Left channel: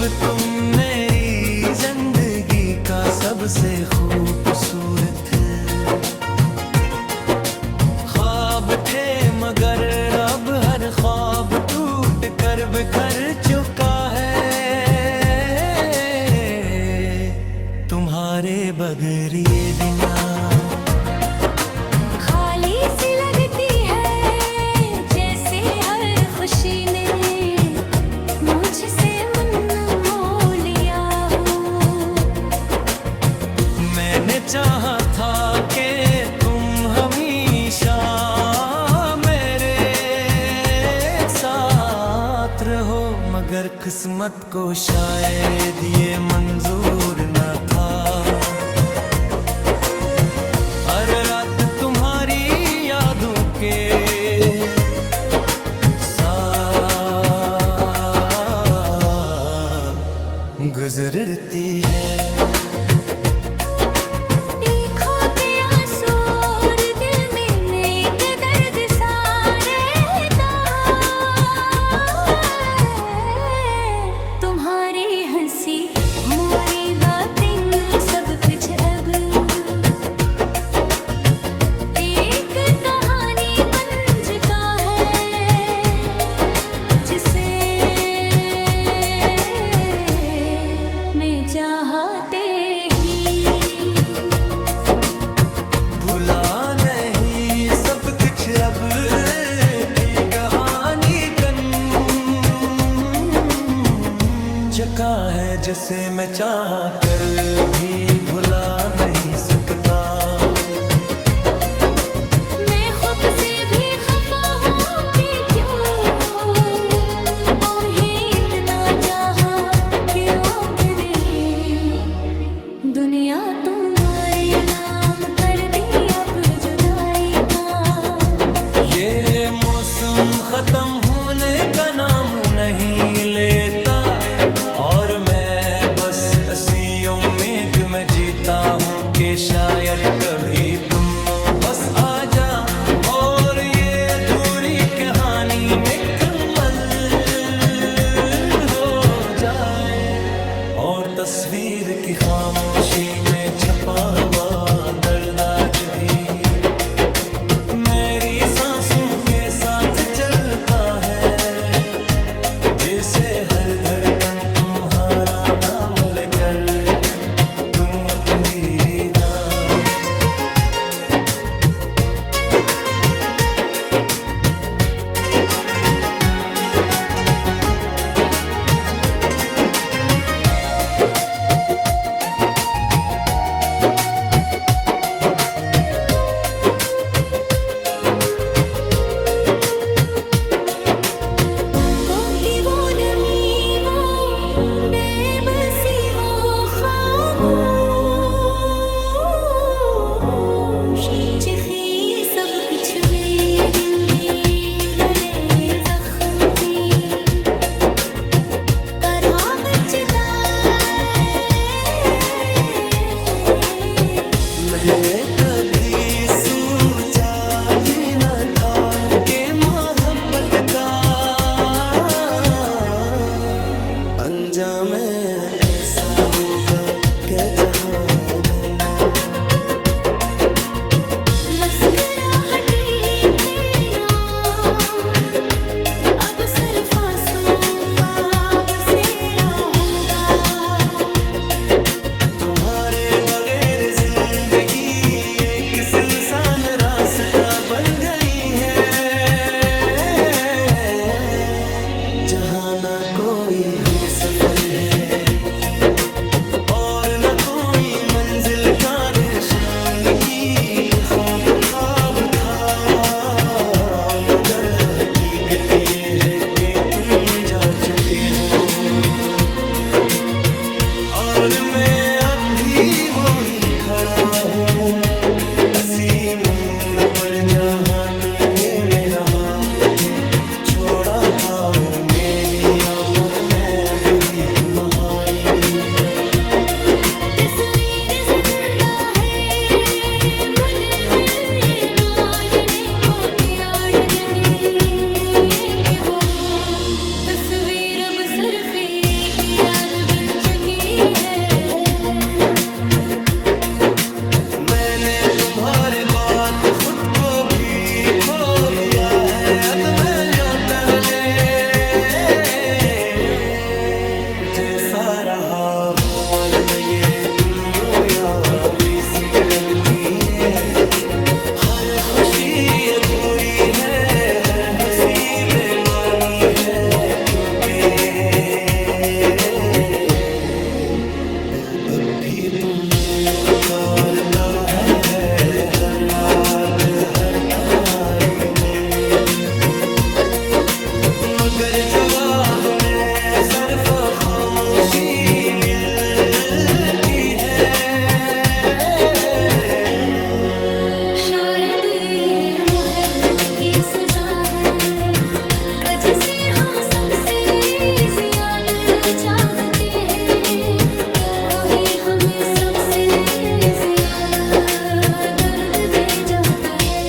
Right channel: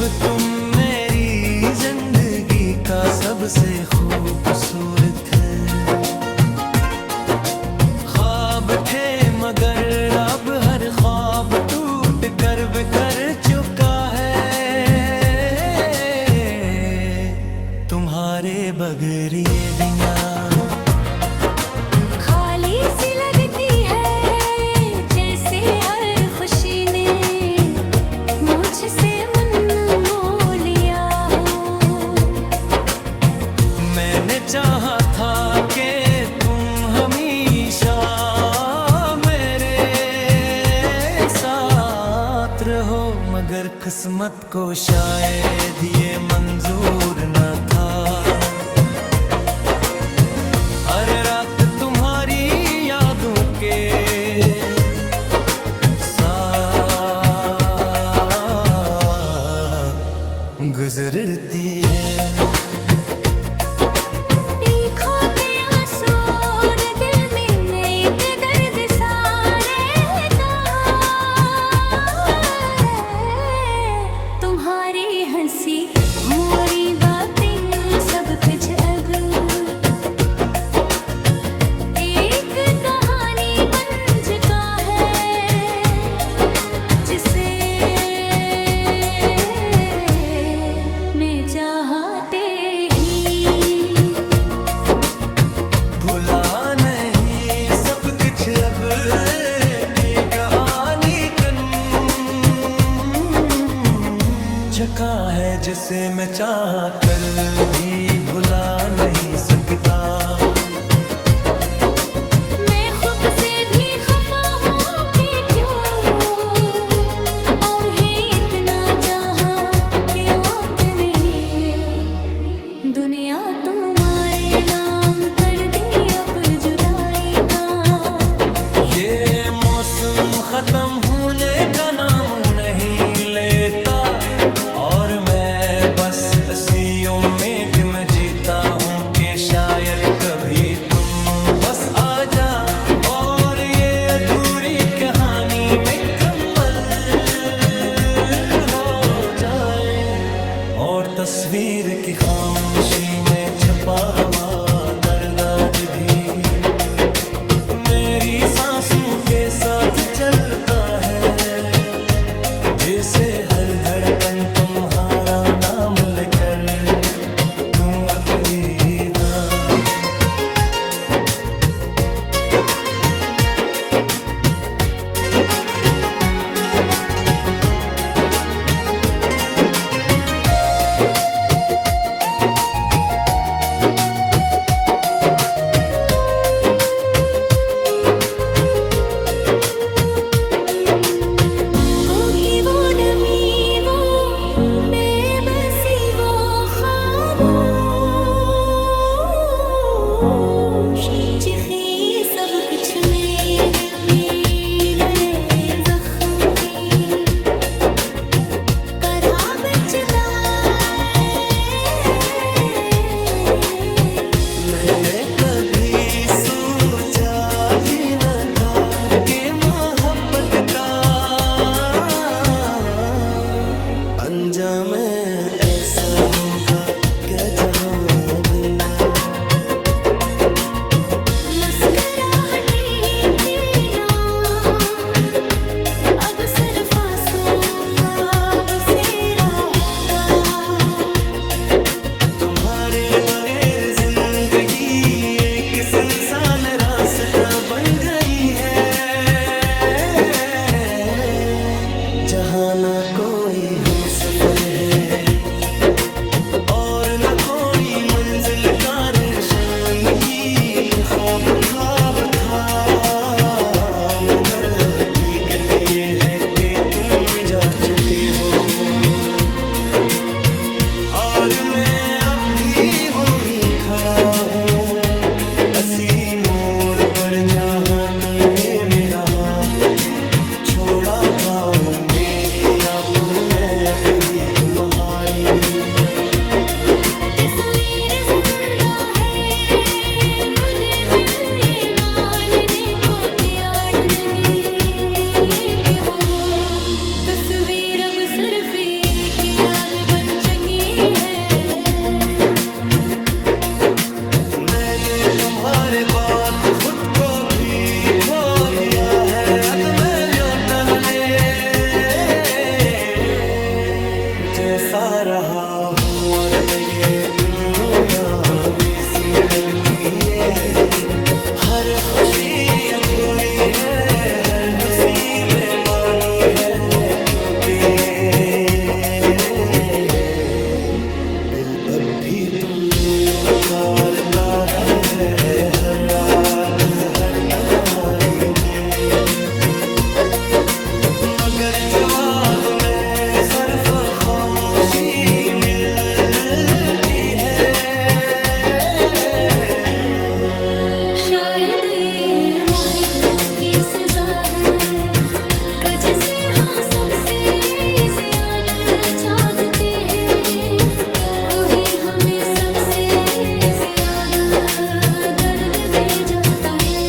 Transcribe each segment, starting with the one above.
अब तुम मेरी जिंदगी का सबसे खूबसूरत ख्वाब थे, मगर अब हर ख्वाब टूट कर बिखर चुका है। तुम्हारे बगैर ये दुनिया खाली सी लगती है, जैसे हर खुशी ने मुझसे मन मोह लिया हो। मैंने चाहा था कि तुम हमेशा मेरे साथ रहो, मगर किस्मत को शायद ये मंजूर न था। हर रात तुम्हारी यादों के साथ गुजरती है। मोरी बातें सब कुछ अब एक कहानी बन चुका है, जिसे मैं चाहते ही भुला नहीं, सब कुछ अब की कहानी जका है, जिसे मैं चाह कर भी भुला नहीं सकता। मैं खुद से भी खफा हूँ कि क्यों उन्हें इतना चाहा, क्यों तूने दुनिया तुम्हारे नाम कर दी अब जुदाई का। ये मौसम खत्म होने का नाम नहीं लेता, और मैं बस इसी उम्मीद में जीता हूँ कि शायद कभी तुम बस आ जा और ये अधूरी कहानी मुकम्मल हो जाए। और तस्वीर की खामोशी में छपा हुआ दर्द आज भी मेरी सांसों के साथ चलता है, जिसे हर धड़कन तुम्हारा नाम लेकर तुम अकेली था। सब कुछ में दिल भी लड़े जख्म थी, करहा बचता मैंने कभी सोचा भी न था कि मोहब्बत का अंजाम ऐसा होगा क्या जहां भरना। बगैर जिंदगी एक सुनसान रास्ता बन गई है, जहाँ ना कोई हम सफर है और न कोई मंजिल का निशान की ख्वाब ख्वाब था। मगर हकीकत ये है कि तुम जा चुके हो, और मैं अब भी वही खड़ा हूँ असी मोड़ पर, जहाँ तुमने मेरा हाथ छोड़ा था। ओ मेरी आंखों में डूबी तुम्हारी तस्वीर जिंदा है, मुझे मिले मानने को तैयार नहीं, ये कि वो तस्वीर अब सिर्फ एक याद बन चुकी है। मैंने तुम्हारे बाद खुद को भी खो दिया है, अब मैं लौटने जैसा रहा हूँ और न ये तुम यूं यारी सी लगती है। हर खुशी अधूरी है, हर हंसी बेमानी है, क्योंकि दिल अब भी तुम्हें पुकारता है हर रात हर तन्हाई में। मगर जवाब में सिर्फ खामोशी मिलती है। शायद ये मोहब्बत की सजा है, कि जिसे हम सबसे ज्यादा चाहते हैं, वही हमें सबसे ज्यादा दर्द दे जाता है।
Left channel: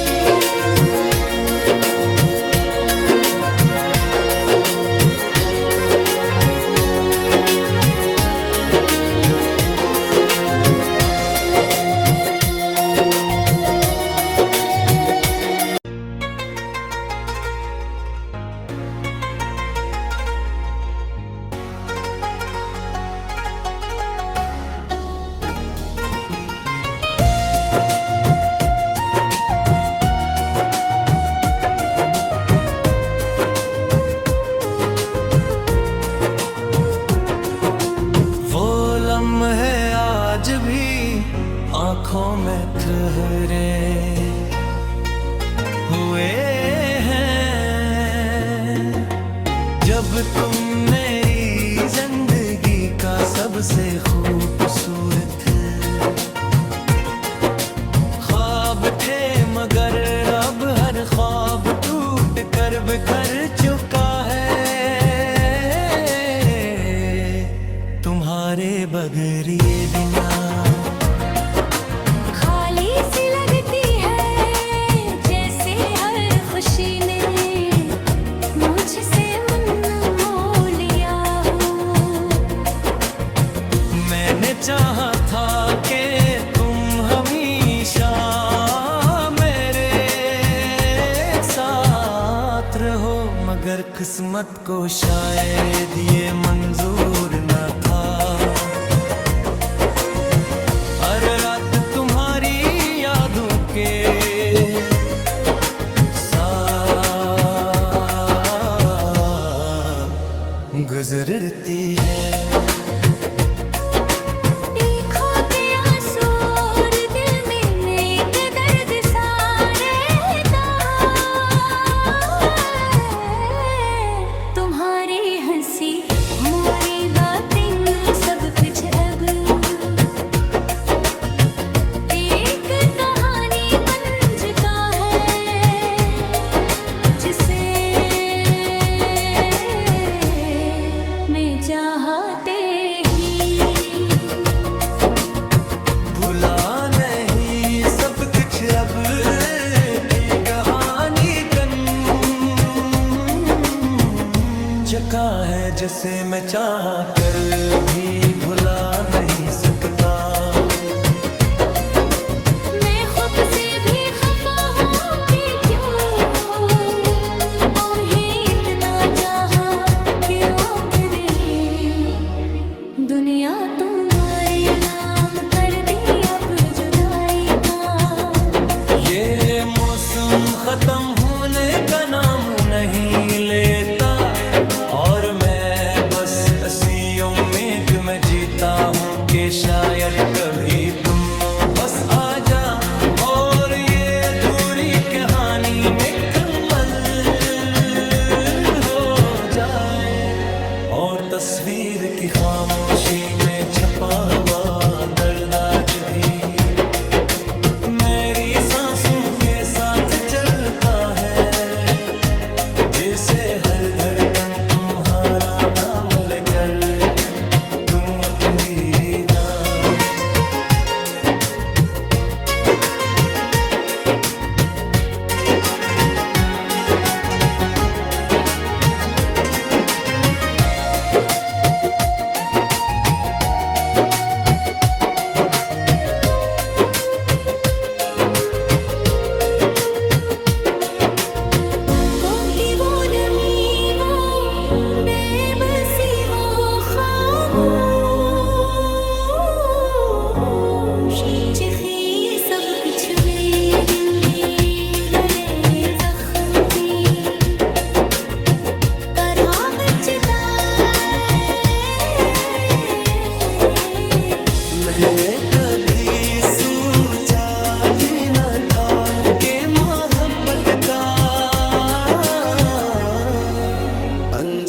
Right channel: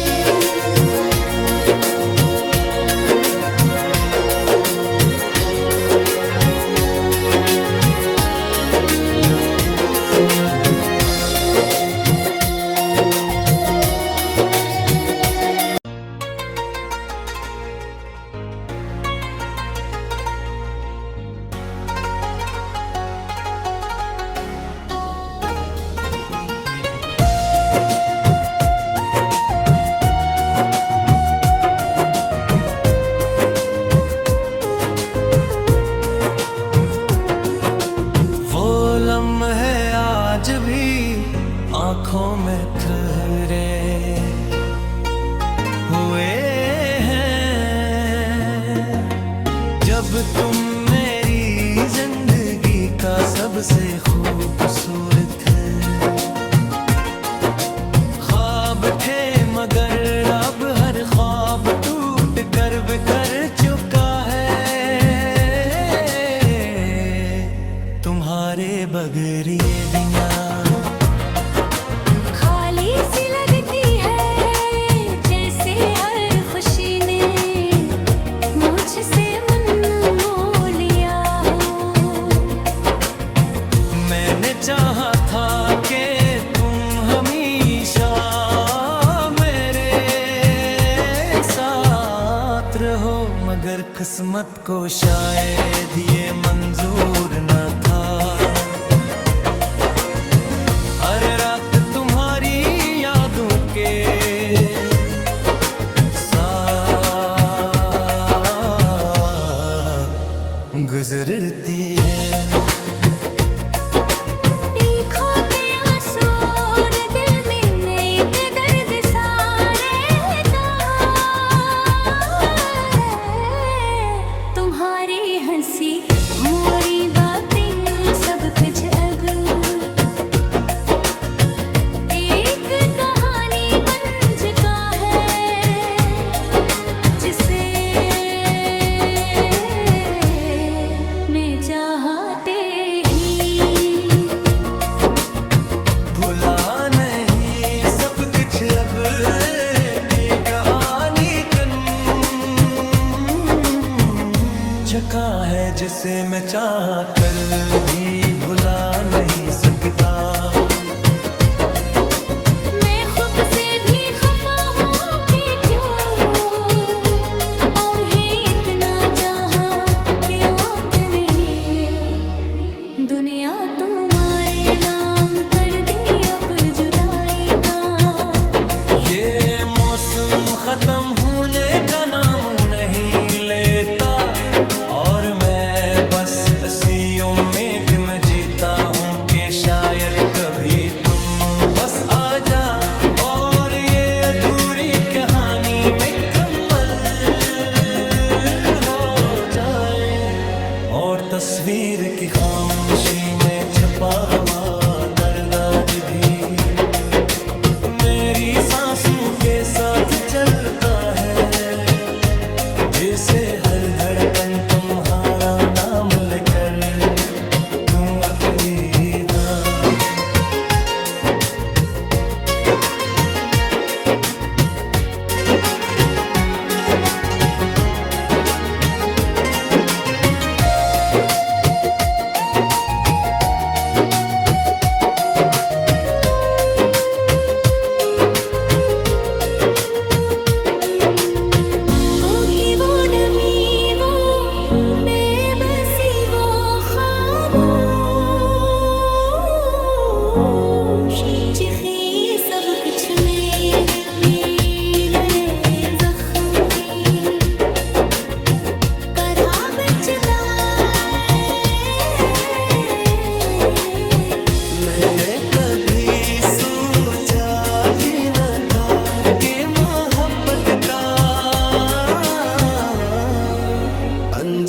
वो लम्हे आज भी आंखों में ठहरे हुए हैं, जब तुम मेरी जिंदगी का सबसे खूबसूरत ख्वाब थे, मगर अब हर ख्वाब टूट कर बिखर चुका है। तुम्हारे बगैर ये दुनिया खाली सी लगती है, जैसे हर खुशी ने मुझसे मन मोह लिया हो। मैंने चाहा था कि तुम हमेशा मेरे साथ रहो, मगर किस्मत को शायद ये मंजूर न था। हर रात तुम्हारी यादों के साथ गुजरती है। आँखों के आंसू और दिल में एक दर्द सा रहता है। तुम्हारी हंसी मोरी बातें सब कुछ अब एक कहानी बन चुका है, जिसे मैं चाहते ही भुला नहीं, सब कुछ अब की कहानी कन जका है, जिसे मैं चाह कर भी भुला नहीं सकता। मैं खुद से भी खफा हूँ कि क्यों उन्हें इतना चाहा, क्यों तूने दुनिया तुम्हारे नाम कर दी अब जुदाई का। ये मौसम खत्म होने का नाम नहीं लेता, और मैं बस इसी उम्मीद में जीता हूँ कि शायद कभी तुम बस आ जा और ये अधूरी कहानी मुकम्मल हो जाए। और तस्वीर की खामोशी में छपा हुआ दर्द आज भी मेरी सांसों के साथ चलता है, जिसे हर धड़कन तुम्हारा नाम लेकर तुम अकेली था।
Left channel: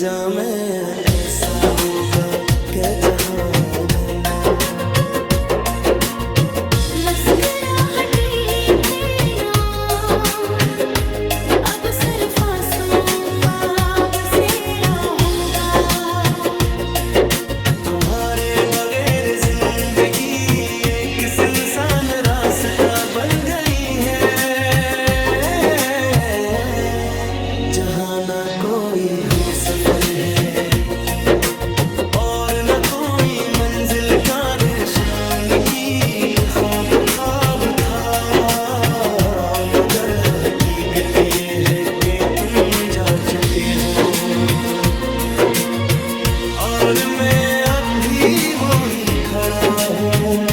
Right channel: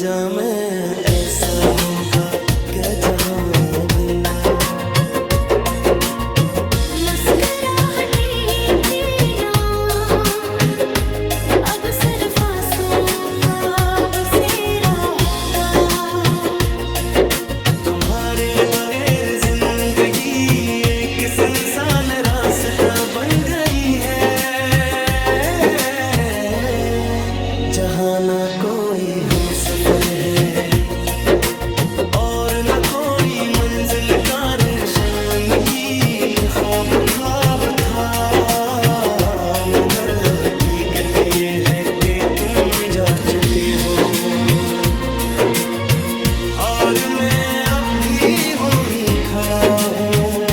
जामे ऐसा होगा क्या जहां भरना। मुस्कुराहटी थे ना, अब सिर्फ आंसुओं का बसेरा होगा। तुम्हारे बगैर जिंदगी एक सुनसान रास्ता बन गई है, जहाँ ना कोई हम सफर है और न कोई मंजिल का निशान की। ख्वाब ख्वाब था मगर हकीकत ये है कि तुम जा चुके हो, और मैं अब भी वो ही खड़ा हूँ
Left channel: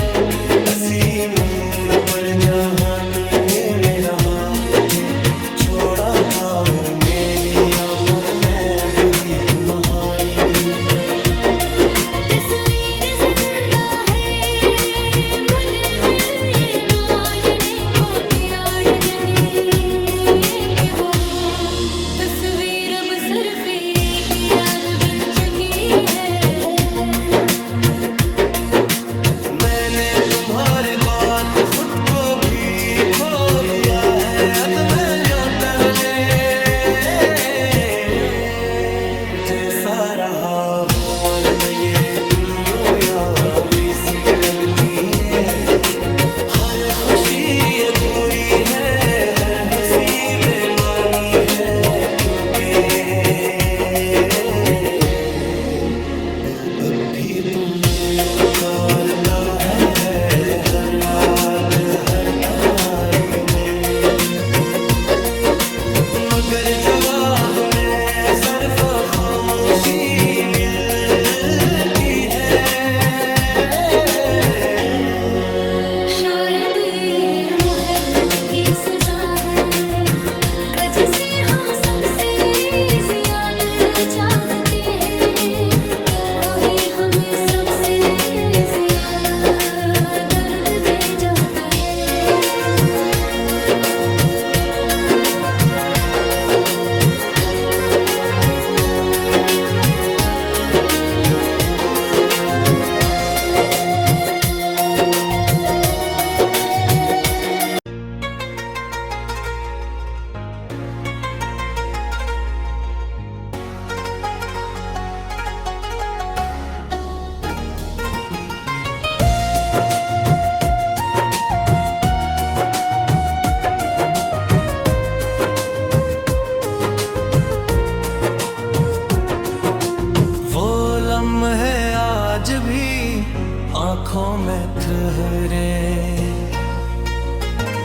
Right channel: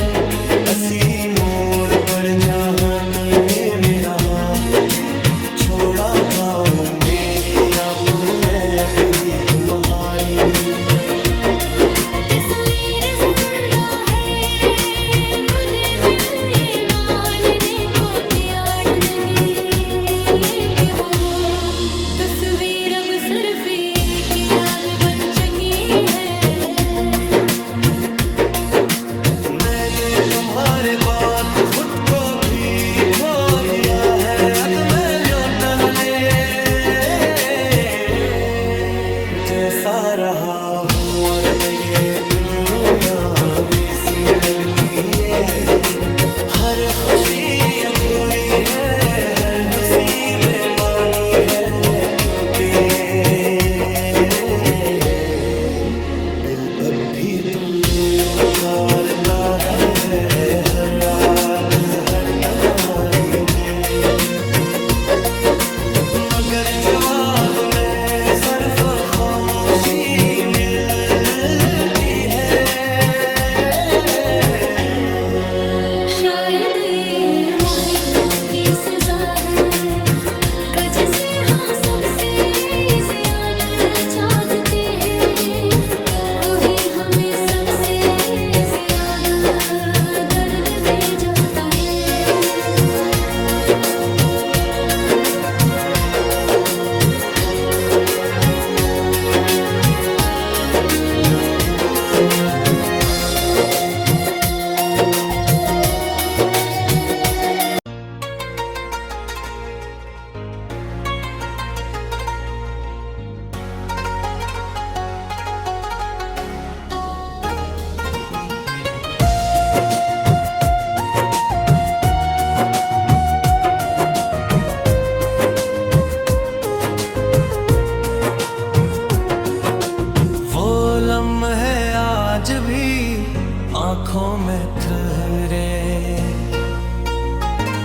असी मोड़ पर, जहाँ तुमने मेरा हाथ छोड़ा था। ओ मेरी आंखों में डूबी तुम्हारी तस्वीर जिंदा है, मुझे दिल ये मानने को तैयार नहीं है कि वो हो। तस्वीर अब सिर्फ एक याद बन चुकी है। मैंने तुम्हारे बाद खुद को भी खो दिया है। अब मैं तगले जैसा रहा हूँ और न ये तुम यूं यावी सी लगती है। हर खुशी अधूरी है, हर हंसी बेमानी है, क्योंकि दिल अब भी तुम्हें पुकारता है हर रात हर तन्हाई में, मगर जवाब में सिर्फ खामोशी मिलती है। शायद ये मोहब्बत की सजा है कि जिसे हम सबसे ज्यादा चाहते हैं, वही हमें सबसे ज्यादा दर्द दे जाता है। आज भी आंखों में ठहरे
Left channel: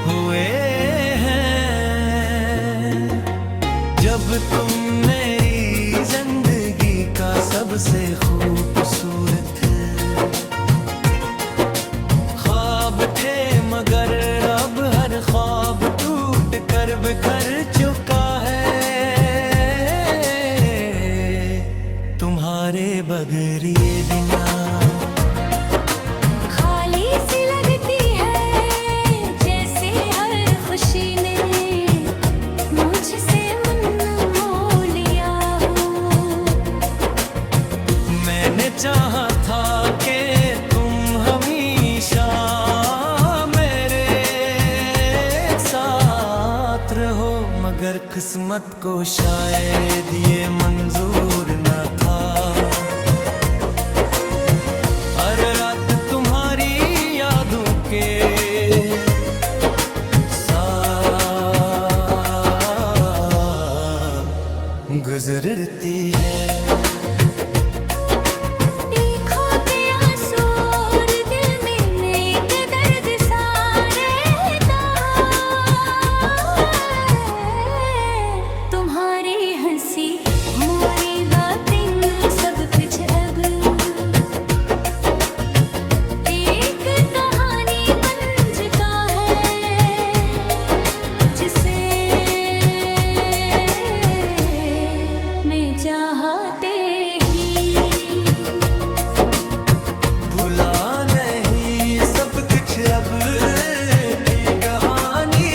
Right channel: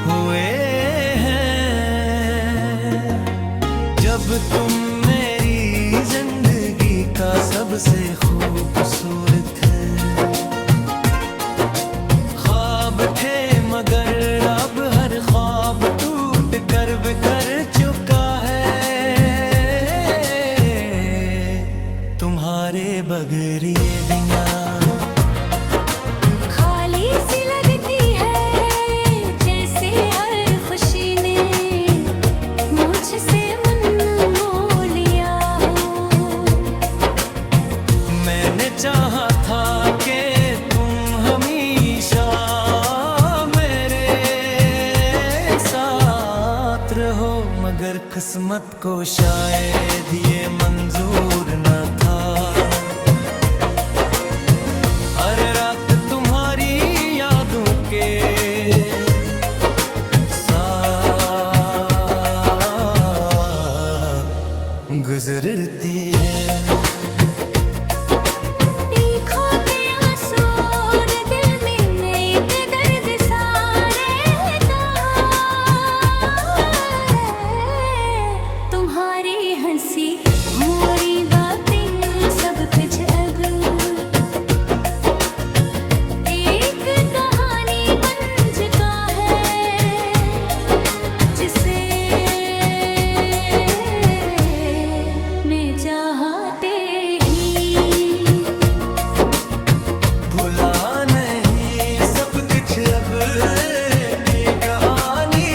हुए हैं, जब तुम मेरी जिंदगी का सबसे खूबसूरत ख्वाब थे, मगर अब हर ख्वाब टूट कर बिखर चुका है। तुम्हारे बगैर ये दुनिया खाली सी लगती है, जैसे हर खुशी ने मुझसे मन मोह लिया हो। मैंने चाहा था कि तुम हमेशा मेरे साथ रहो, मगर किस्मत को शायद ये मंजूर न था। हर रात तुम्हारी यादों के साथ गुजरती है। मोरी बातें सब कुछ अब एक कहानी बन चुका है, जिसे मैं चाहते ही भुला नहीं सब कुछ अब की कहानी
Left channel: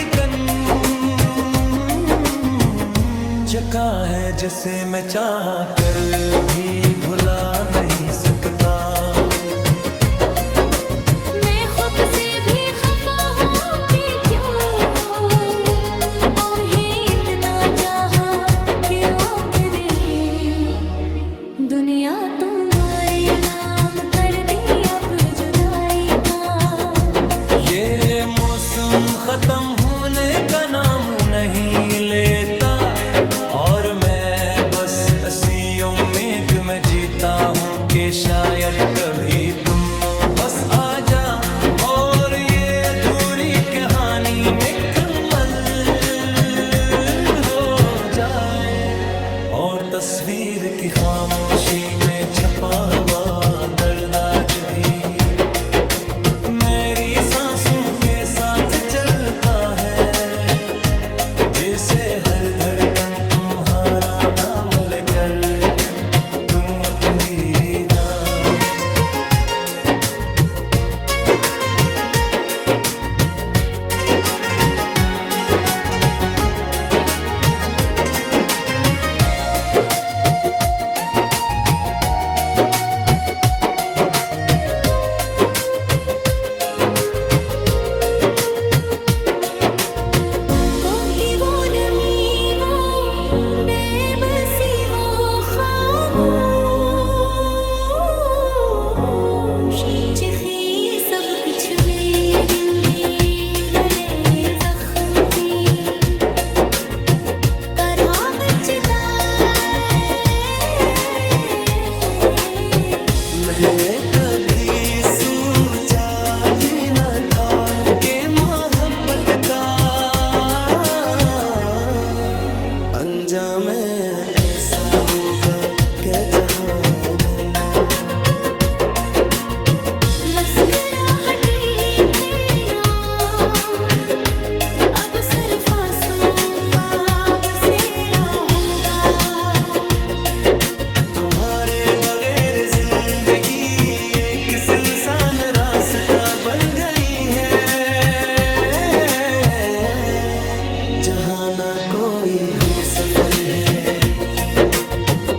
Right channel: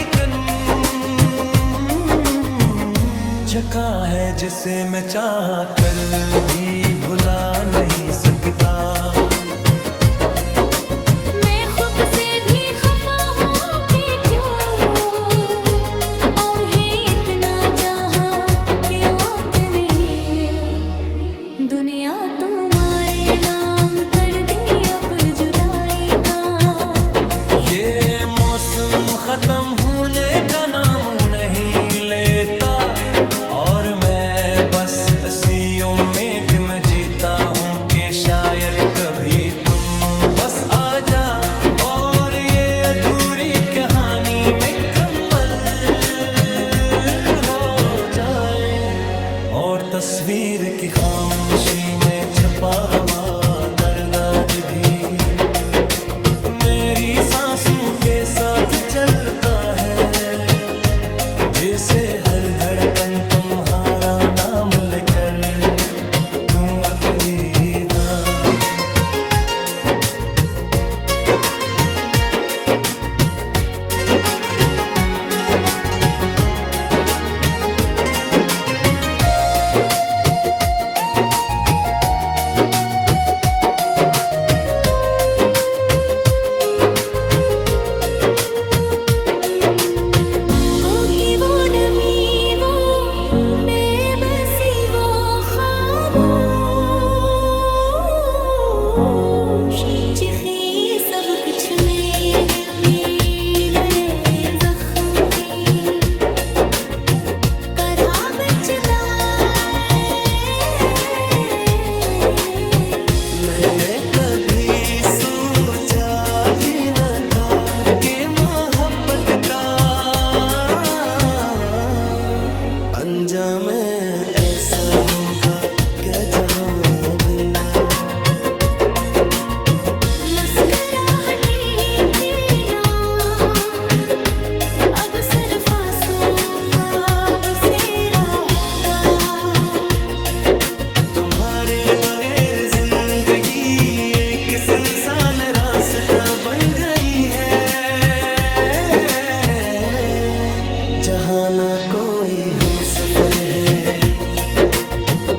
झका है जिसे मैं चाह कर भी भुला नहीं सकता। मैं खुद से भी खफा हूँ कि क्यों उन्हें इतना चाहा, क्यों तेरे दुनिया तुम्हारे नाम कर दी अब जुदाई का। ये मौसम खत्म होने का नाम नहीं लेता, और मैं बस इसी उम्मीद में जीता हूँ कि शायद कभी तुम बस आ जा और ये अधूरी कहानी मुकम्मल हो जाए। और तस्वीर की खामोशी में छपा हुआ दर्द आज भी मेरी सांसों के साथ चलता है, जिसे हर धड़कन तुम्हारा नाम लेकर तू अकेली था। कोकी वो नमी, वो बेबसी, वो खामोश चिखी सब कुछ में दिल भी लरे जख्म थी करहा बचता। मैंने कभी सोचा भी न था कि मोहब्बत का अंजाम ऐसा होगा क्या जहां भला। मुस्कुराहटी थे ना अब सिर्फ आंसुओं का बसेरा होगा। तुम्हारे बगैर जिंदगी एक सुनसान रास्ता बन गई है, जहाँ ना कोई हम सफर है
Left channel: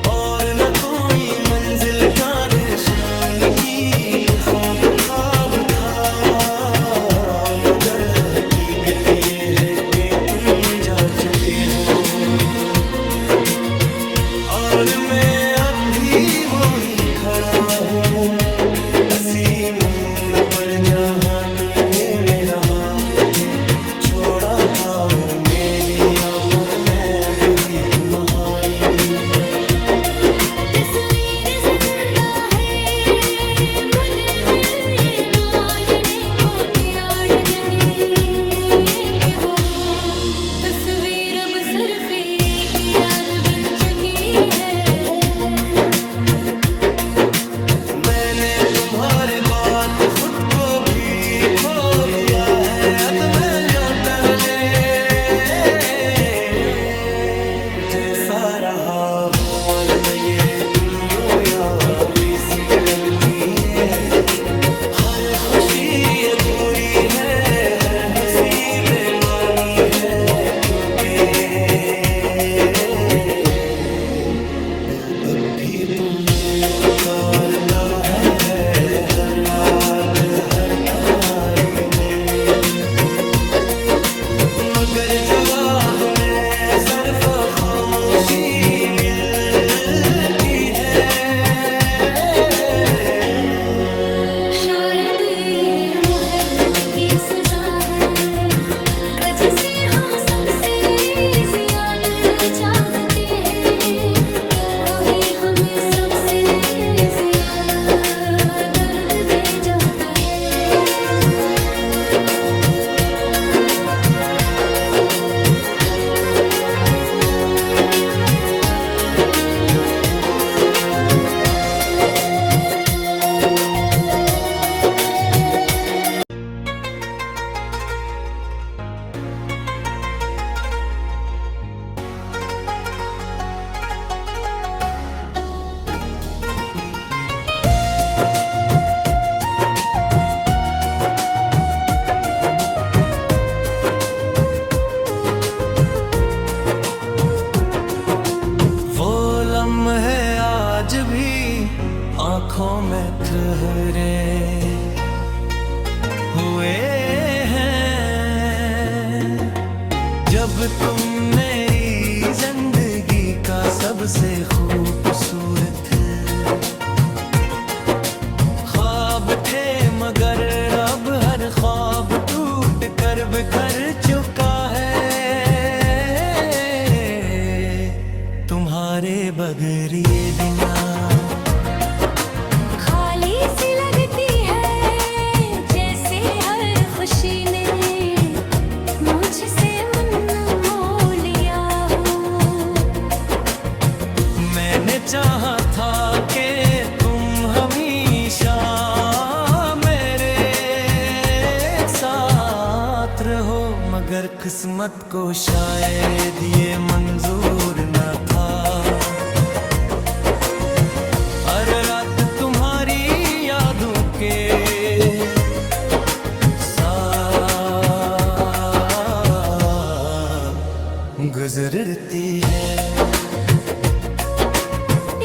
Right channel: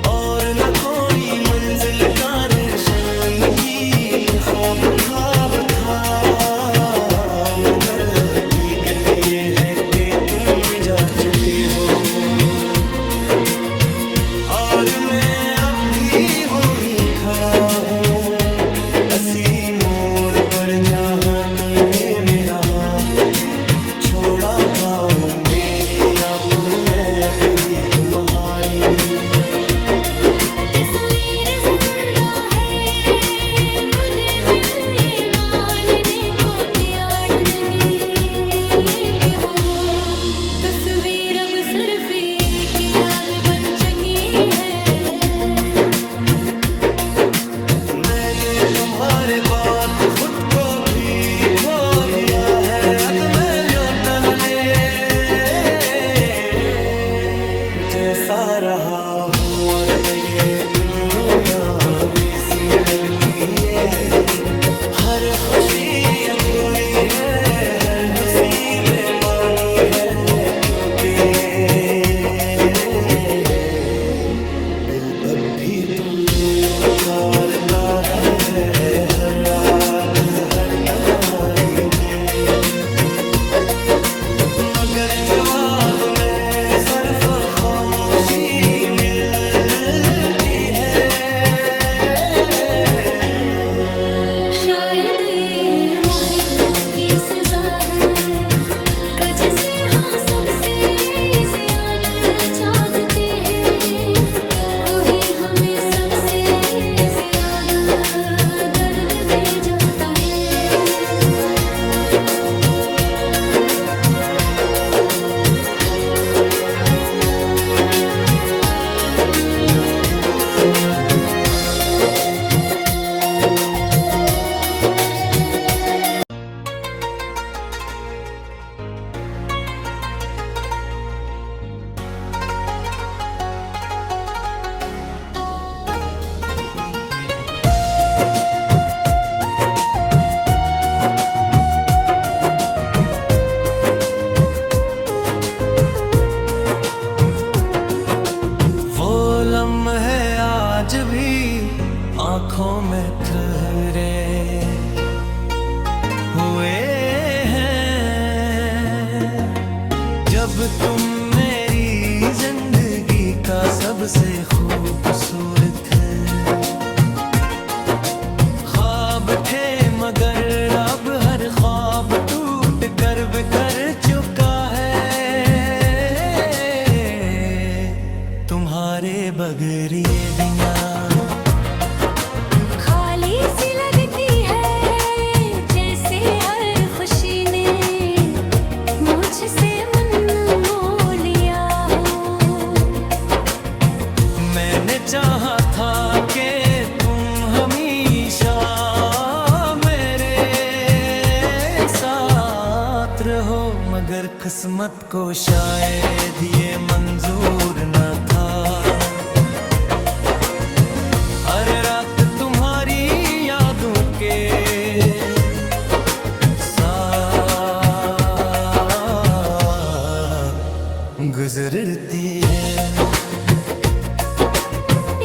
और न कोई मंजिल का निशान की ख्वाब ख्वाब था। मगर हकीकत ये है कि तुम जा चुके हो, और मैं अब भी वही खड़ा हूँ असी मोड़ पर, जहाँ तुमने मेरा हाथ छोड़ा था। वो मेरी आंखों में डूबी तुम्हारी तस्वीर जिंदा है, मुझे दिल ये मानने को तैयार नहीं है कि वो हो। तस्वीर अब सिर्फ एक याद बन चुकी है। मैंने तुम्हारे बात खुद को भी खो दिया है। अब मैं लौटले जैसा रहा हूँ, और न ये तुम यूं यावी सी लगती है। हर खुशी अधूरी है, हर हंसी बेमानी है, क्योंकि दिल अब भी तुम्हें पुकारता है हर रात हर तन्हाई में। मगर जवाब में सिर्फ खामोशी मिलती है। शायद ये मोहब्बत की सजा है कि जिसे हम सबसे ज्यादा चाहते हैं, वही हमें सबसे ज्यादा दर्द दे जाता है। आंखों में ठहरे हुए हैं। जब तुम मेरी जिंदगी का सबसे खूबसूरत ख्वाब थे, मगर अब हर ख्वाब टूट कर बिखर चुका है। तुम्हारे बगैर ये दुनिया खाली सी लगती है, जैसे हर खुशी ने मुझसे मन मोह लिया हो। मैंने चाहा था कि तुम हमेशा मेरे साथ रहो, मगर किस्मत को शायद ये मंजूर न था। हर रात तुम्हारी यादों के साथ गुजरती है।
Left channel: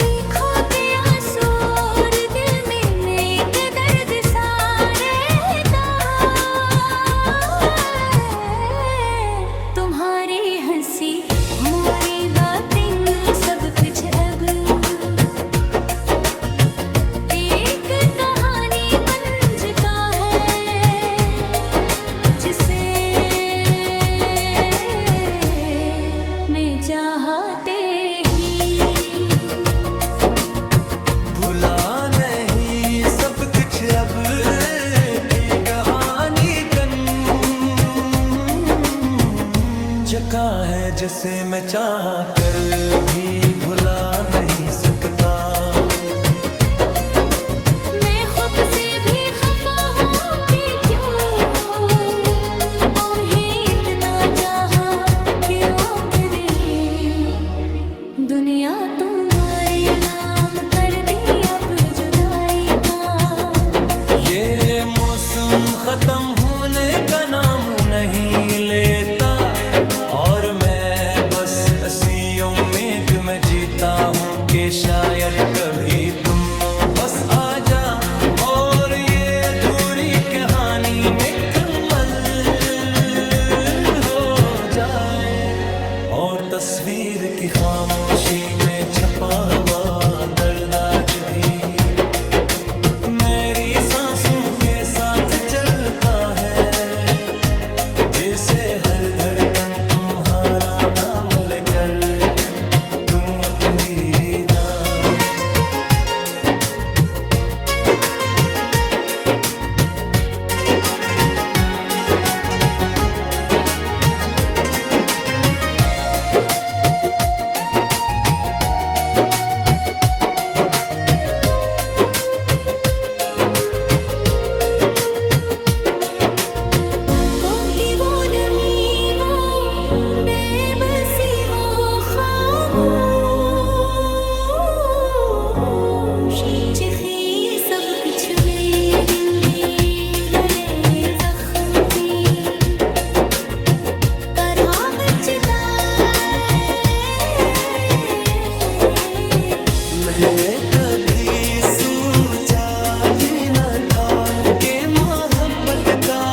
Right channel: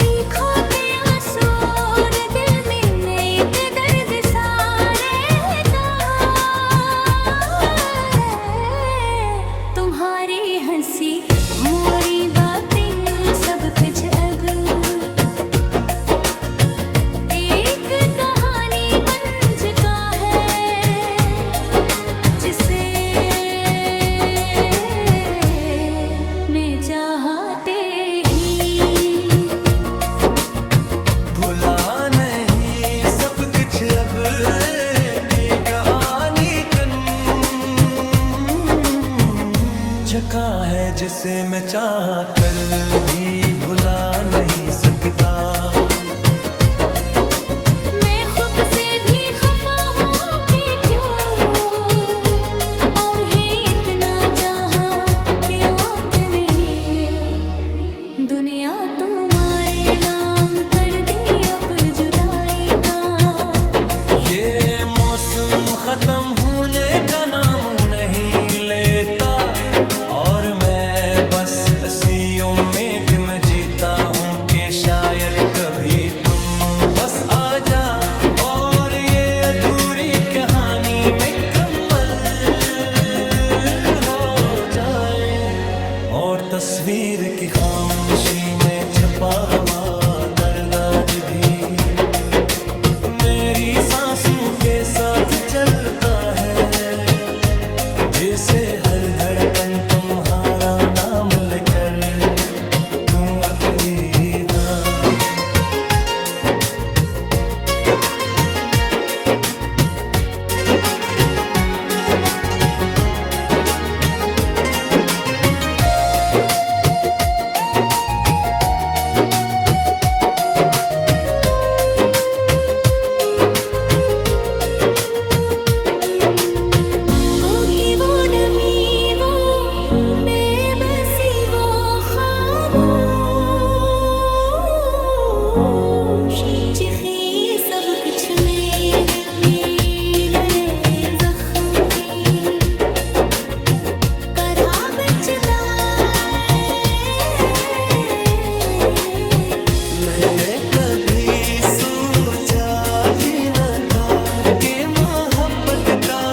आँखों के आंसू और दिल में एक दर्द सा रहता है। तुम्हारी हंसी मोरी बातें सब कुछ अब एक कहानी बन चुका है, जिसे मैं चाहते ही भुला नहीं सब कुछ अब की कहानी कन जका है, जिसे मैं चाह कर भी भुला नहीं सकता। मैं खुद से भी खफा हूँ कि क्यों और ही इतना चाहा कि अपने दुनिया तुम्हारे नाम कर दी अब जुदाई का। ये मौसम खत्म होने का नाम नहीं लेता, और मैं बस इसी उम्मीद में जीता हूँ कि शायद कभी तुम बस आ जा और ये अधूरी कहानी मुकम्मल हो जाए। और तस्वीर की खामोशी में छपा हुआ दर्द आज भी मेरी सांसों के साथ चलता है, जैसे हर धड़कन तुम्हारा नाम लेकर तुम अकेली था। कोकी वो नमी वो बेबसी वो खामोश चिखी सब कुछ में दिल भी लड़े जख्म थी तरह बचता मैंने कभी सोचा भी न था कि मोहब्बत का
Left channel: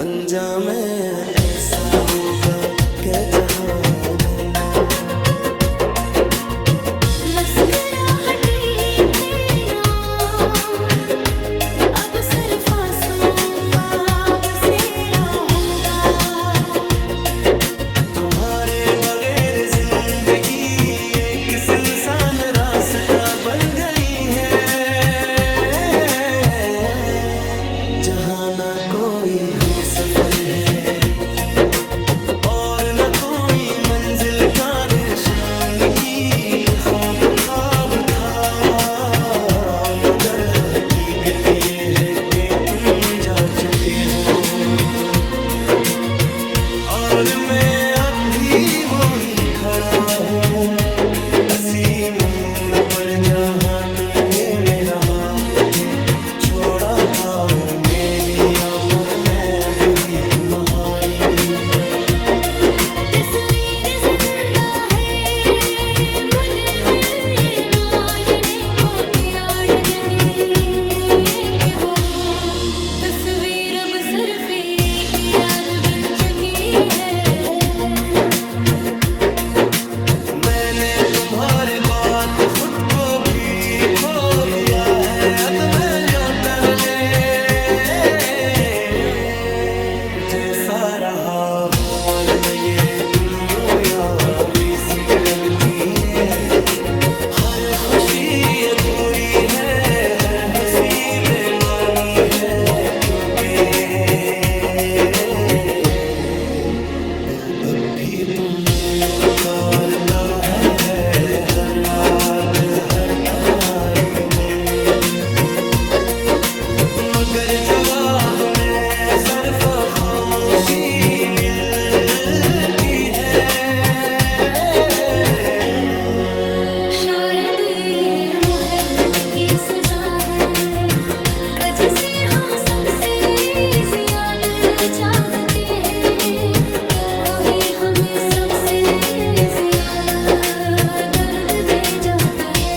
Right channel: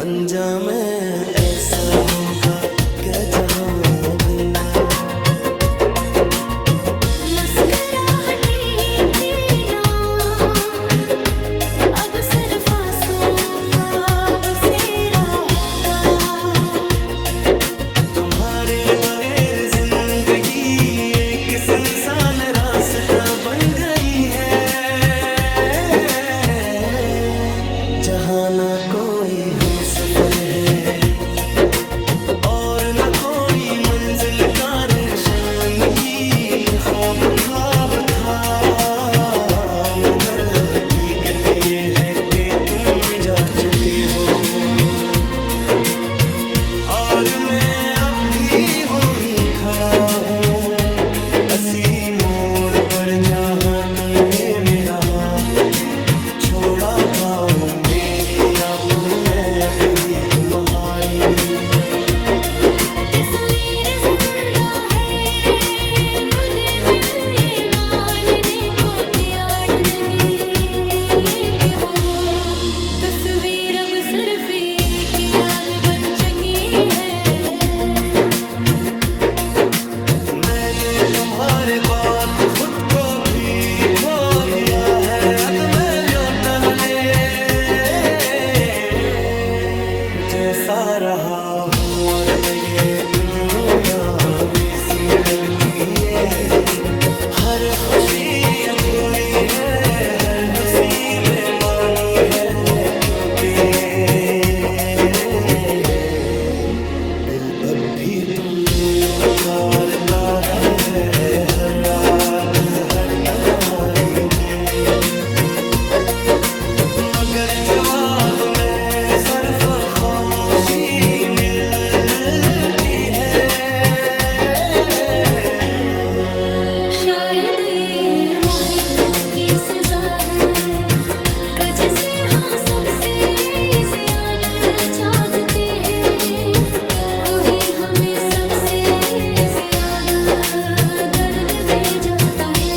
अंजाम ऐसा होगा कि जहां भरना मुस्कुराहटी थे ना अब सिर्फ आंसू का बसेरा होगा। तुम्हारे बगैर जिंदगी एक सुनसान रास्ता बन गई है, जहाँ ना कोई हम सफर है और न कोई मंजिल का निशान की ख्वाब था। मगर हकीकत ये है कि तुम जा चुके हो और मैं अब भी वो ही खड़ा हूँ असी मोड़ पर, जहाँ तुमने मेरा हाथ छोड़ा था। वो मेरी आंखों में डूबी तुम्हारी तस्वीर जिंदा है मुझे मिल ये बारे बात खुद को भी खो दिया है अदमे ल्योटगले जैसा रहा हूँ और न ये यूं यावी सी लगती है हर खुशी अधूरी है हर हंसी बेमानी है क्योंकि दिल अब भी तुम्हें पुकारता है हर रात हर तन्हाई में मगर जवाब में सिर्फ खामोशी मिलती है शायद ये मोहब्बत की सजा है कि जिसे हम सबसे ज्यादा चाहते हैं वही हमें सबसे ज्यादा दर्द दे जाता है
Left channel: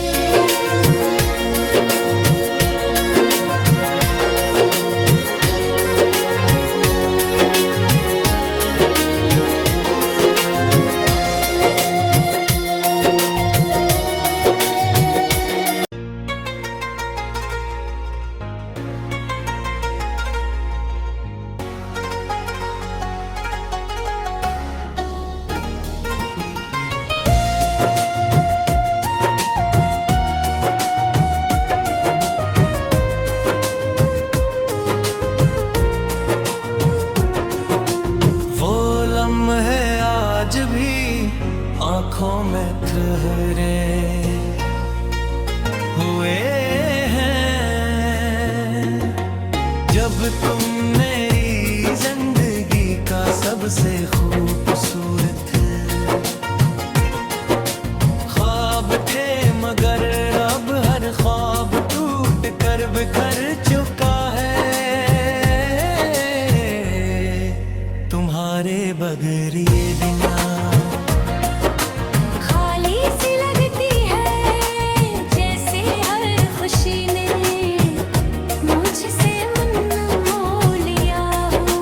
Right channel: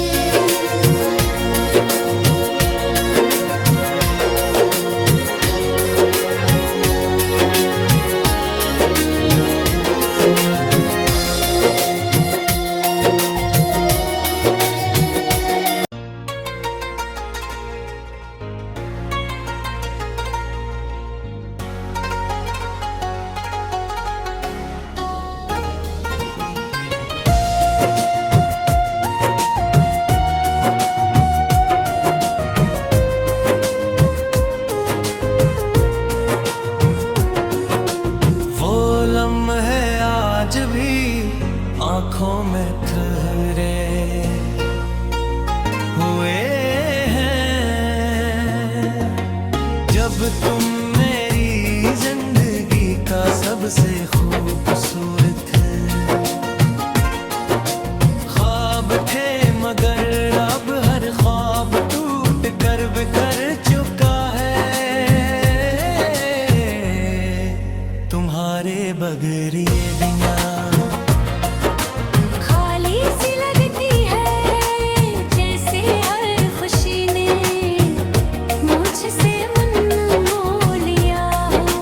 वो लम्हे आज भी आंखों में ठहरे हुए हैं जब तुम मेरी जिंदगी का सबसे खूबसूरत ख्वाब थे मगर अब हर ख्वाब टूट कर बिखर चुका है तुम्हारे बगैर ये दुनिया खाली सी लगती है जैसे हर खुशी ने मुझसे मन मोह लिया हो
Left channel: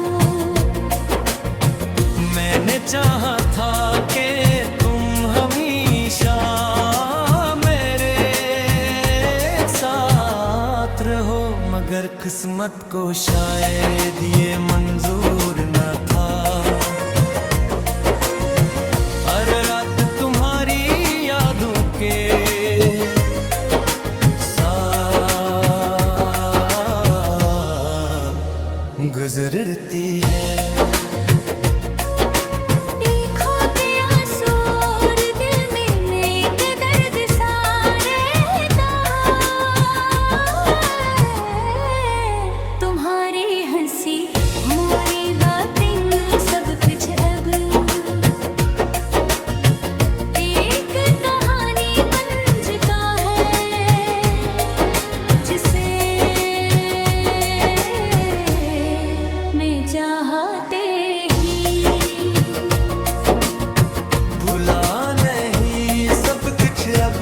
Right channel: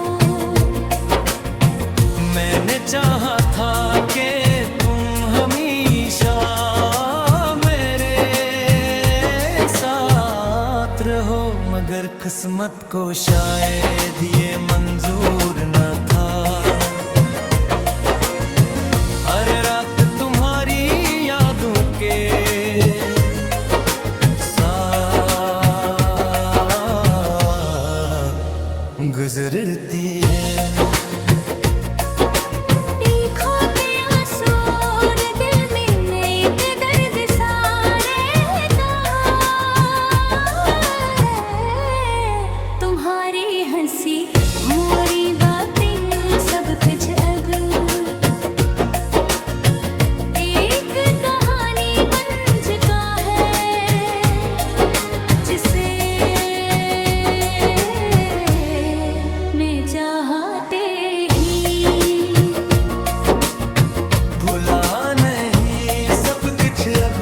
मैंने चाहा था कि तुम हमेशा मेरे साथ रहो मगर किस्मत को शायद ये मंजूर न था हर रात तुम्हारी यादों के साथ गुजरती है देखो के आंसू और दिल में एक दर्द सा रहता है तुम्हारी हंसी मोरी बातें सब कुछ अब एक कहानी बन चुका है जिसे मैं चाहते ही भुला नहीं सब कुछ अब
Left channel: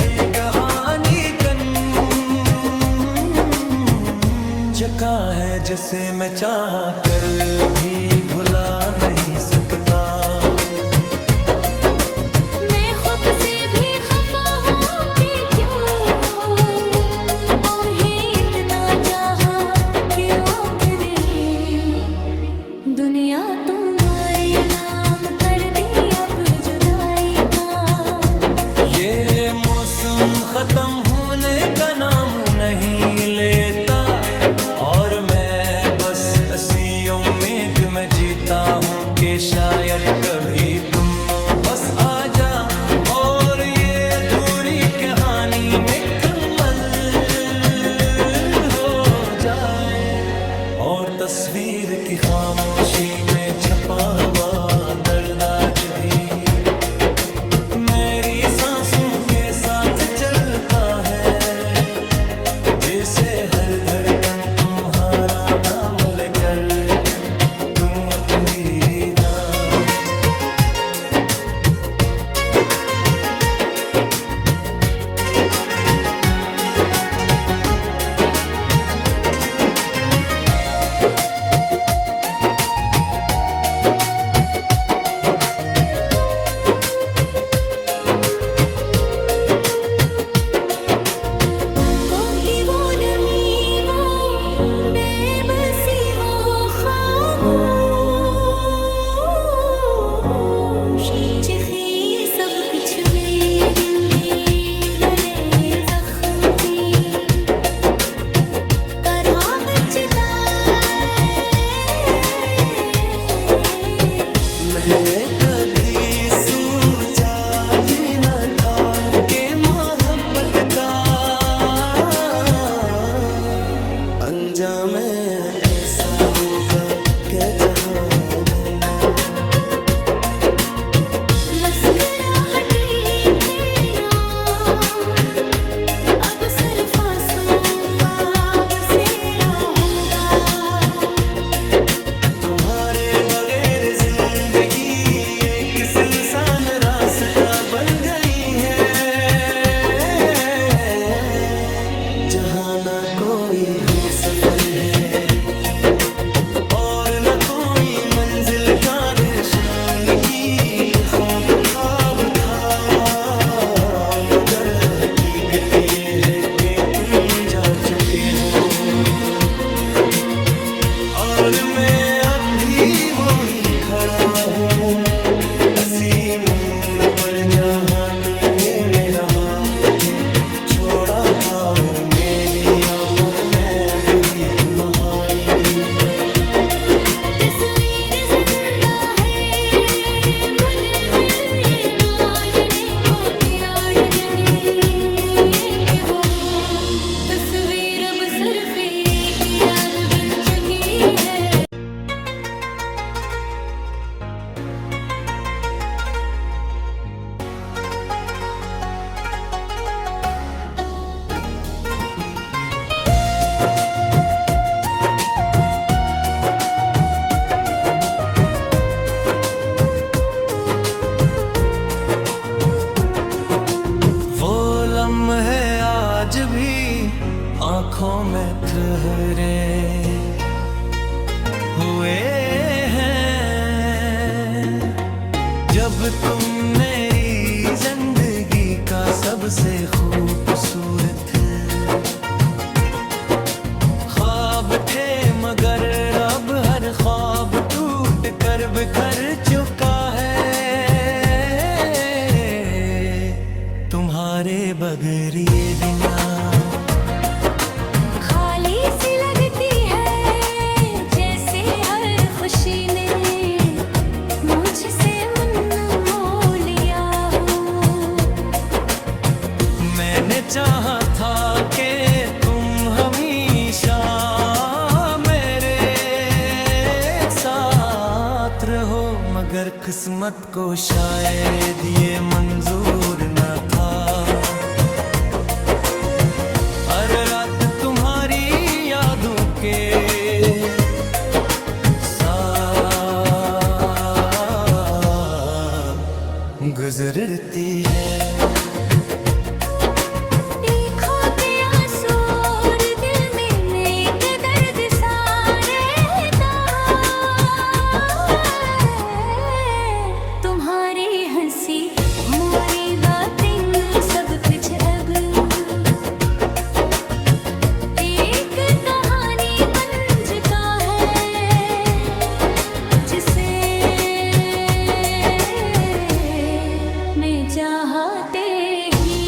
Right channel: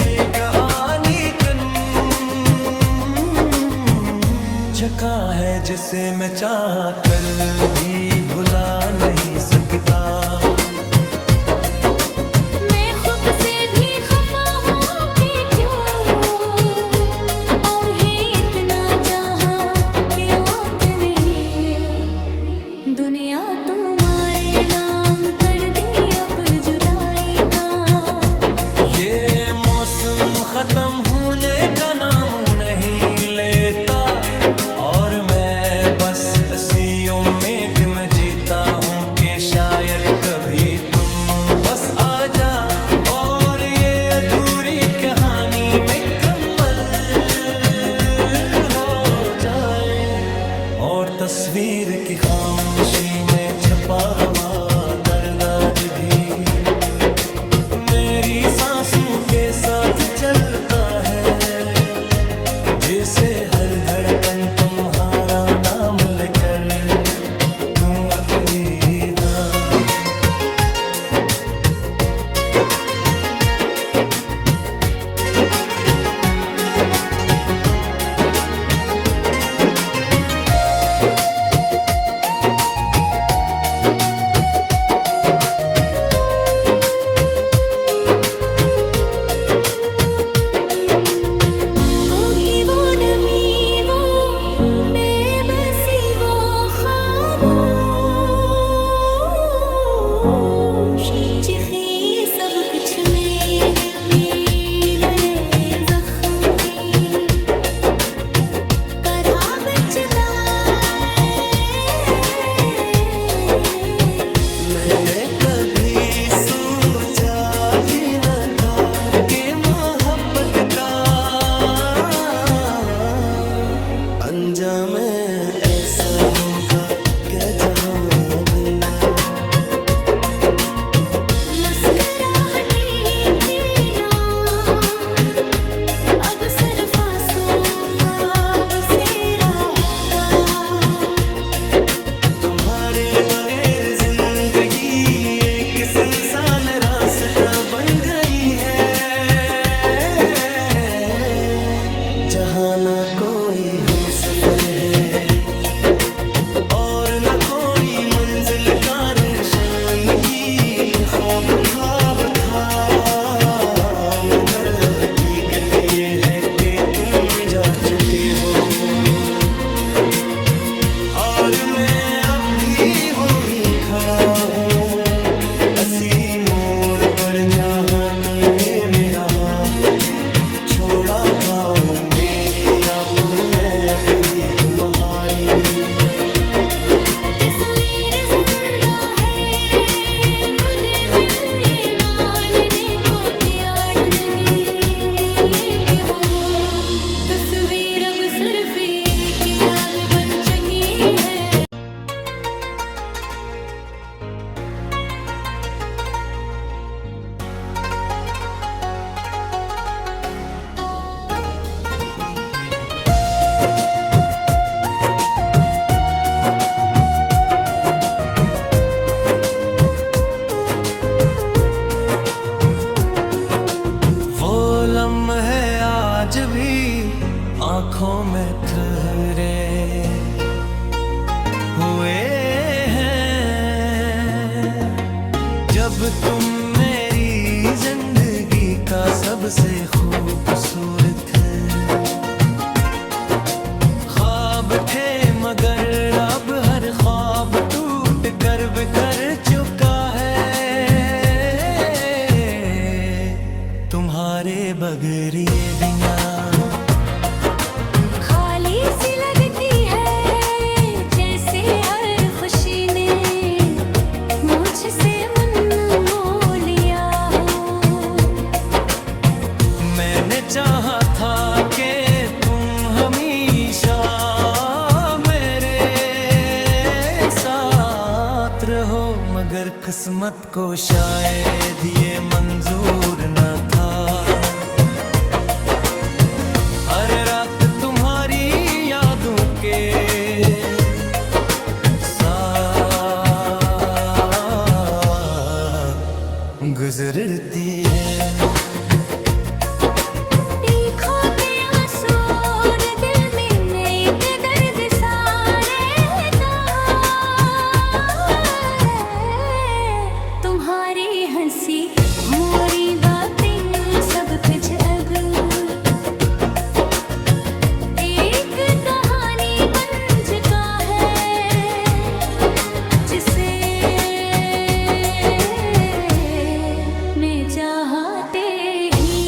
की कहानी कन जका है जिसे मैं चाह कर भी भुला नहीं सकता मैं खुद से भी खफा हूँ कि क्यों उन्हें इतना चाहा क्यों तूने दुनिया तुम्हारे नाम कर दी अब जुदाई का ये मौसम खत्म होने का नाम नहीं लेता और मैं बस इसी उम्मीद में जीता हूँ कि शायद कभी तुम बस आ जा और ये अधूरी कहानी मुकम्मल हो जाए और तस्वीर की खामोशी में छपा हुआ दर्द आज भी मेरी सांसों के साथ चलता है जिसे हर धड़कन तुम्हारा नाम लेकर तुम अकेली था चिखी सब कुछ में दिल भी लरे जख्म की करहा बचता मैंने कभी सोचा भी न था कि मोहब्बत का अंजाम ऐसा होगा क्या जहां भरना मुस्कुराहटी थे ना अब सिर्फ आंसुओं का बसेरा होगा तुम्हारे बगैर जिंदगी एक सुनसान रास्ता बन गई है जहाँ ना कोई हम सफर है और न कोई मंजिल का निशान की ख्वाब ख्वाब था मगर हकीकत ये है कि तुम जा चुके हो और मैं अब भी वो ही खड़ा हूँ असी मोड़ पर जहाँ तुमने मेरा हाथ छोड़ा था वो मेरी आंखों में डूबी तुम्हारी तस्वीर जिंदा है मुझे दिल ये मानने को तैयार नहीं ये कि वो तस्वीर अब सिर्फ एक याद बन चुकी है लम्हे आज भी आंखों में ठहरे हुए हैं जब तुम मेरी जिंदगी का सबसे खूबसूरत ख्वाब थे मगर अब हर ख्वाब टूट कर बिखर चुका है तुम्हारे बगैर ये दुनिया खाली सी लगती है जैसे हर खुशी ने मुझसे मन मोह लिया हो मैंने चाहा था कि तुम हमेशा मेरे साथ रहो मगर किस्मत को शायद ये मंजूर न था हर रात तुम्हारी यादों के साथ गुजरती है मोरी बातें सब कुछ अब एक कहानी बन चुका है जिसे मैं चाहते ही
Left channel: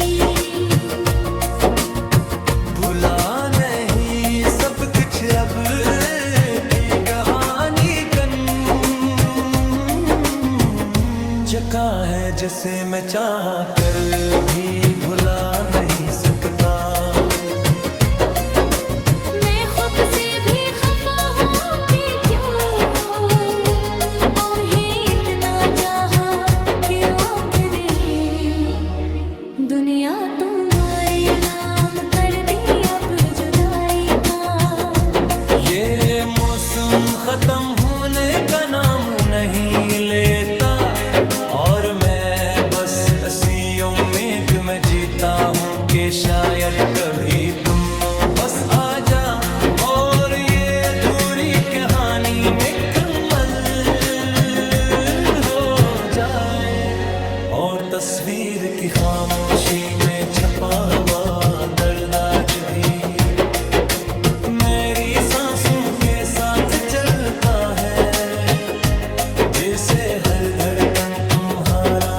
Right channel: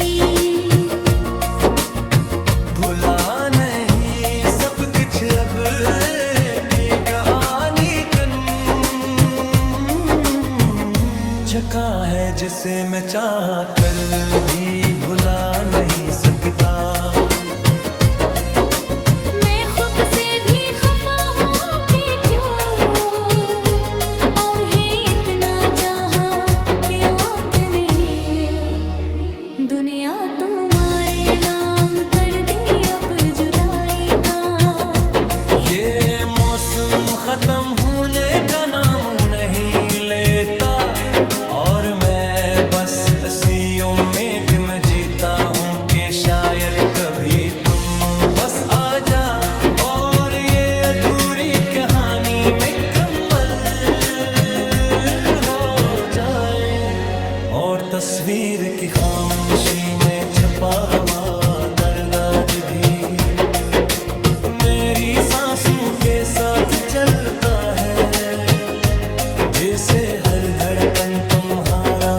भुला नहीं सब कुछ अब की कहानी जका है जिसे मैं चाह कर भी भुला नहीं सकता मैं खुद से भी खफा हूँ कि क्यों और ये इतना चाहा कि आपने दुनिया तुम्हारे नाम कर दी अब जुदाई का ये मौसम खत्म होने का नाम नहीं लेता और मैं बस इसी उम्मीद में जीता हूँ कि शायद कभी तुम बस आ जा और ये अधूरी कहानी मुकम्मल हो जाए और तस्वीर की खामोशी में छपा हुआ दर्द आज भी मेरी सांसों के साथ चलता है जिसे हर धड़कन तुम्हारा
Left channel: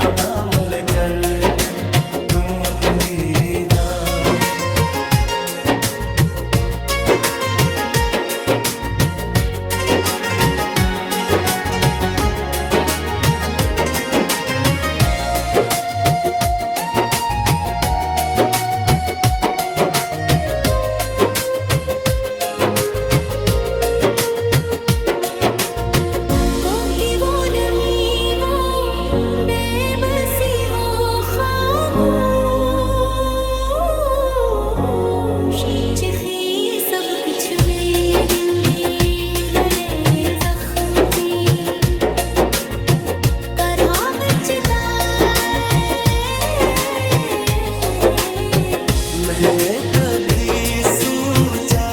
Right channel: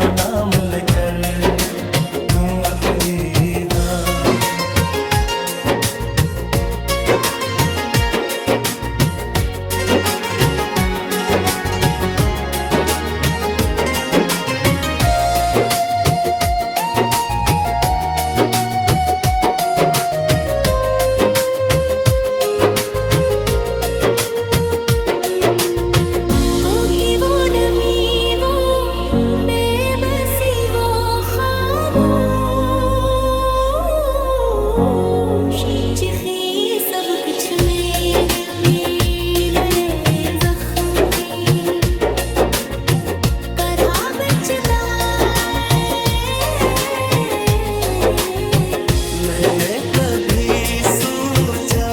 तुझने कभी सोचा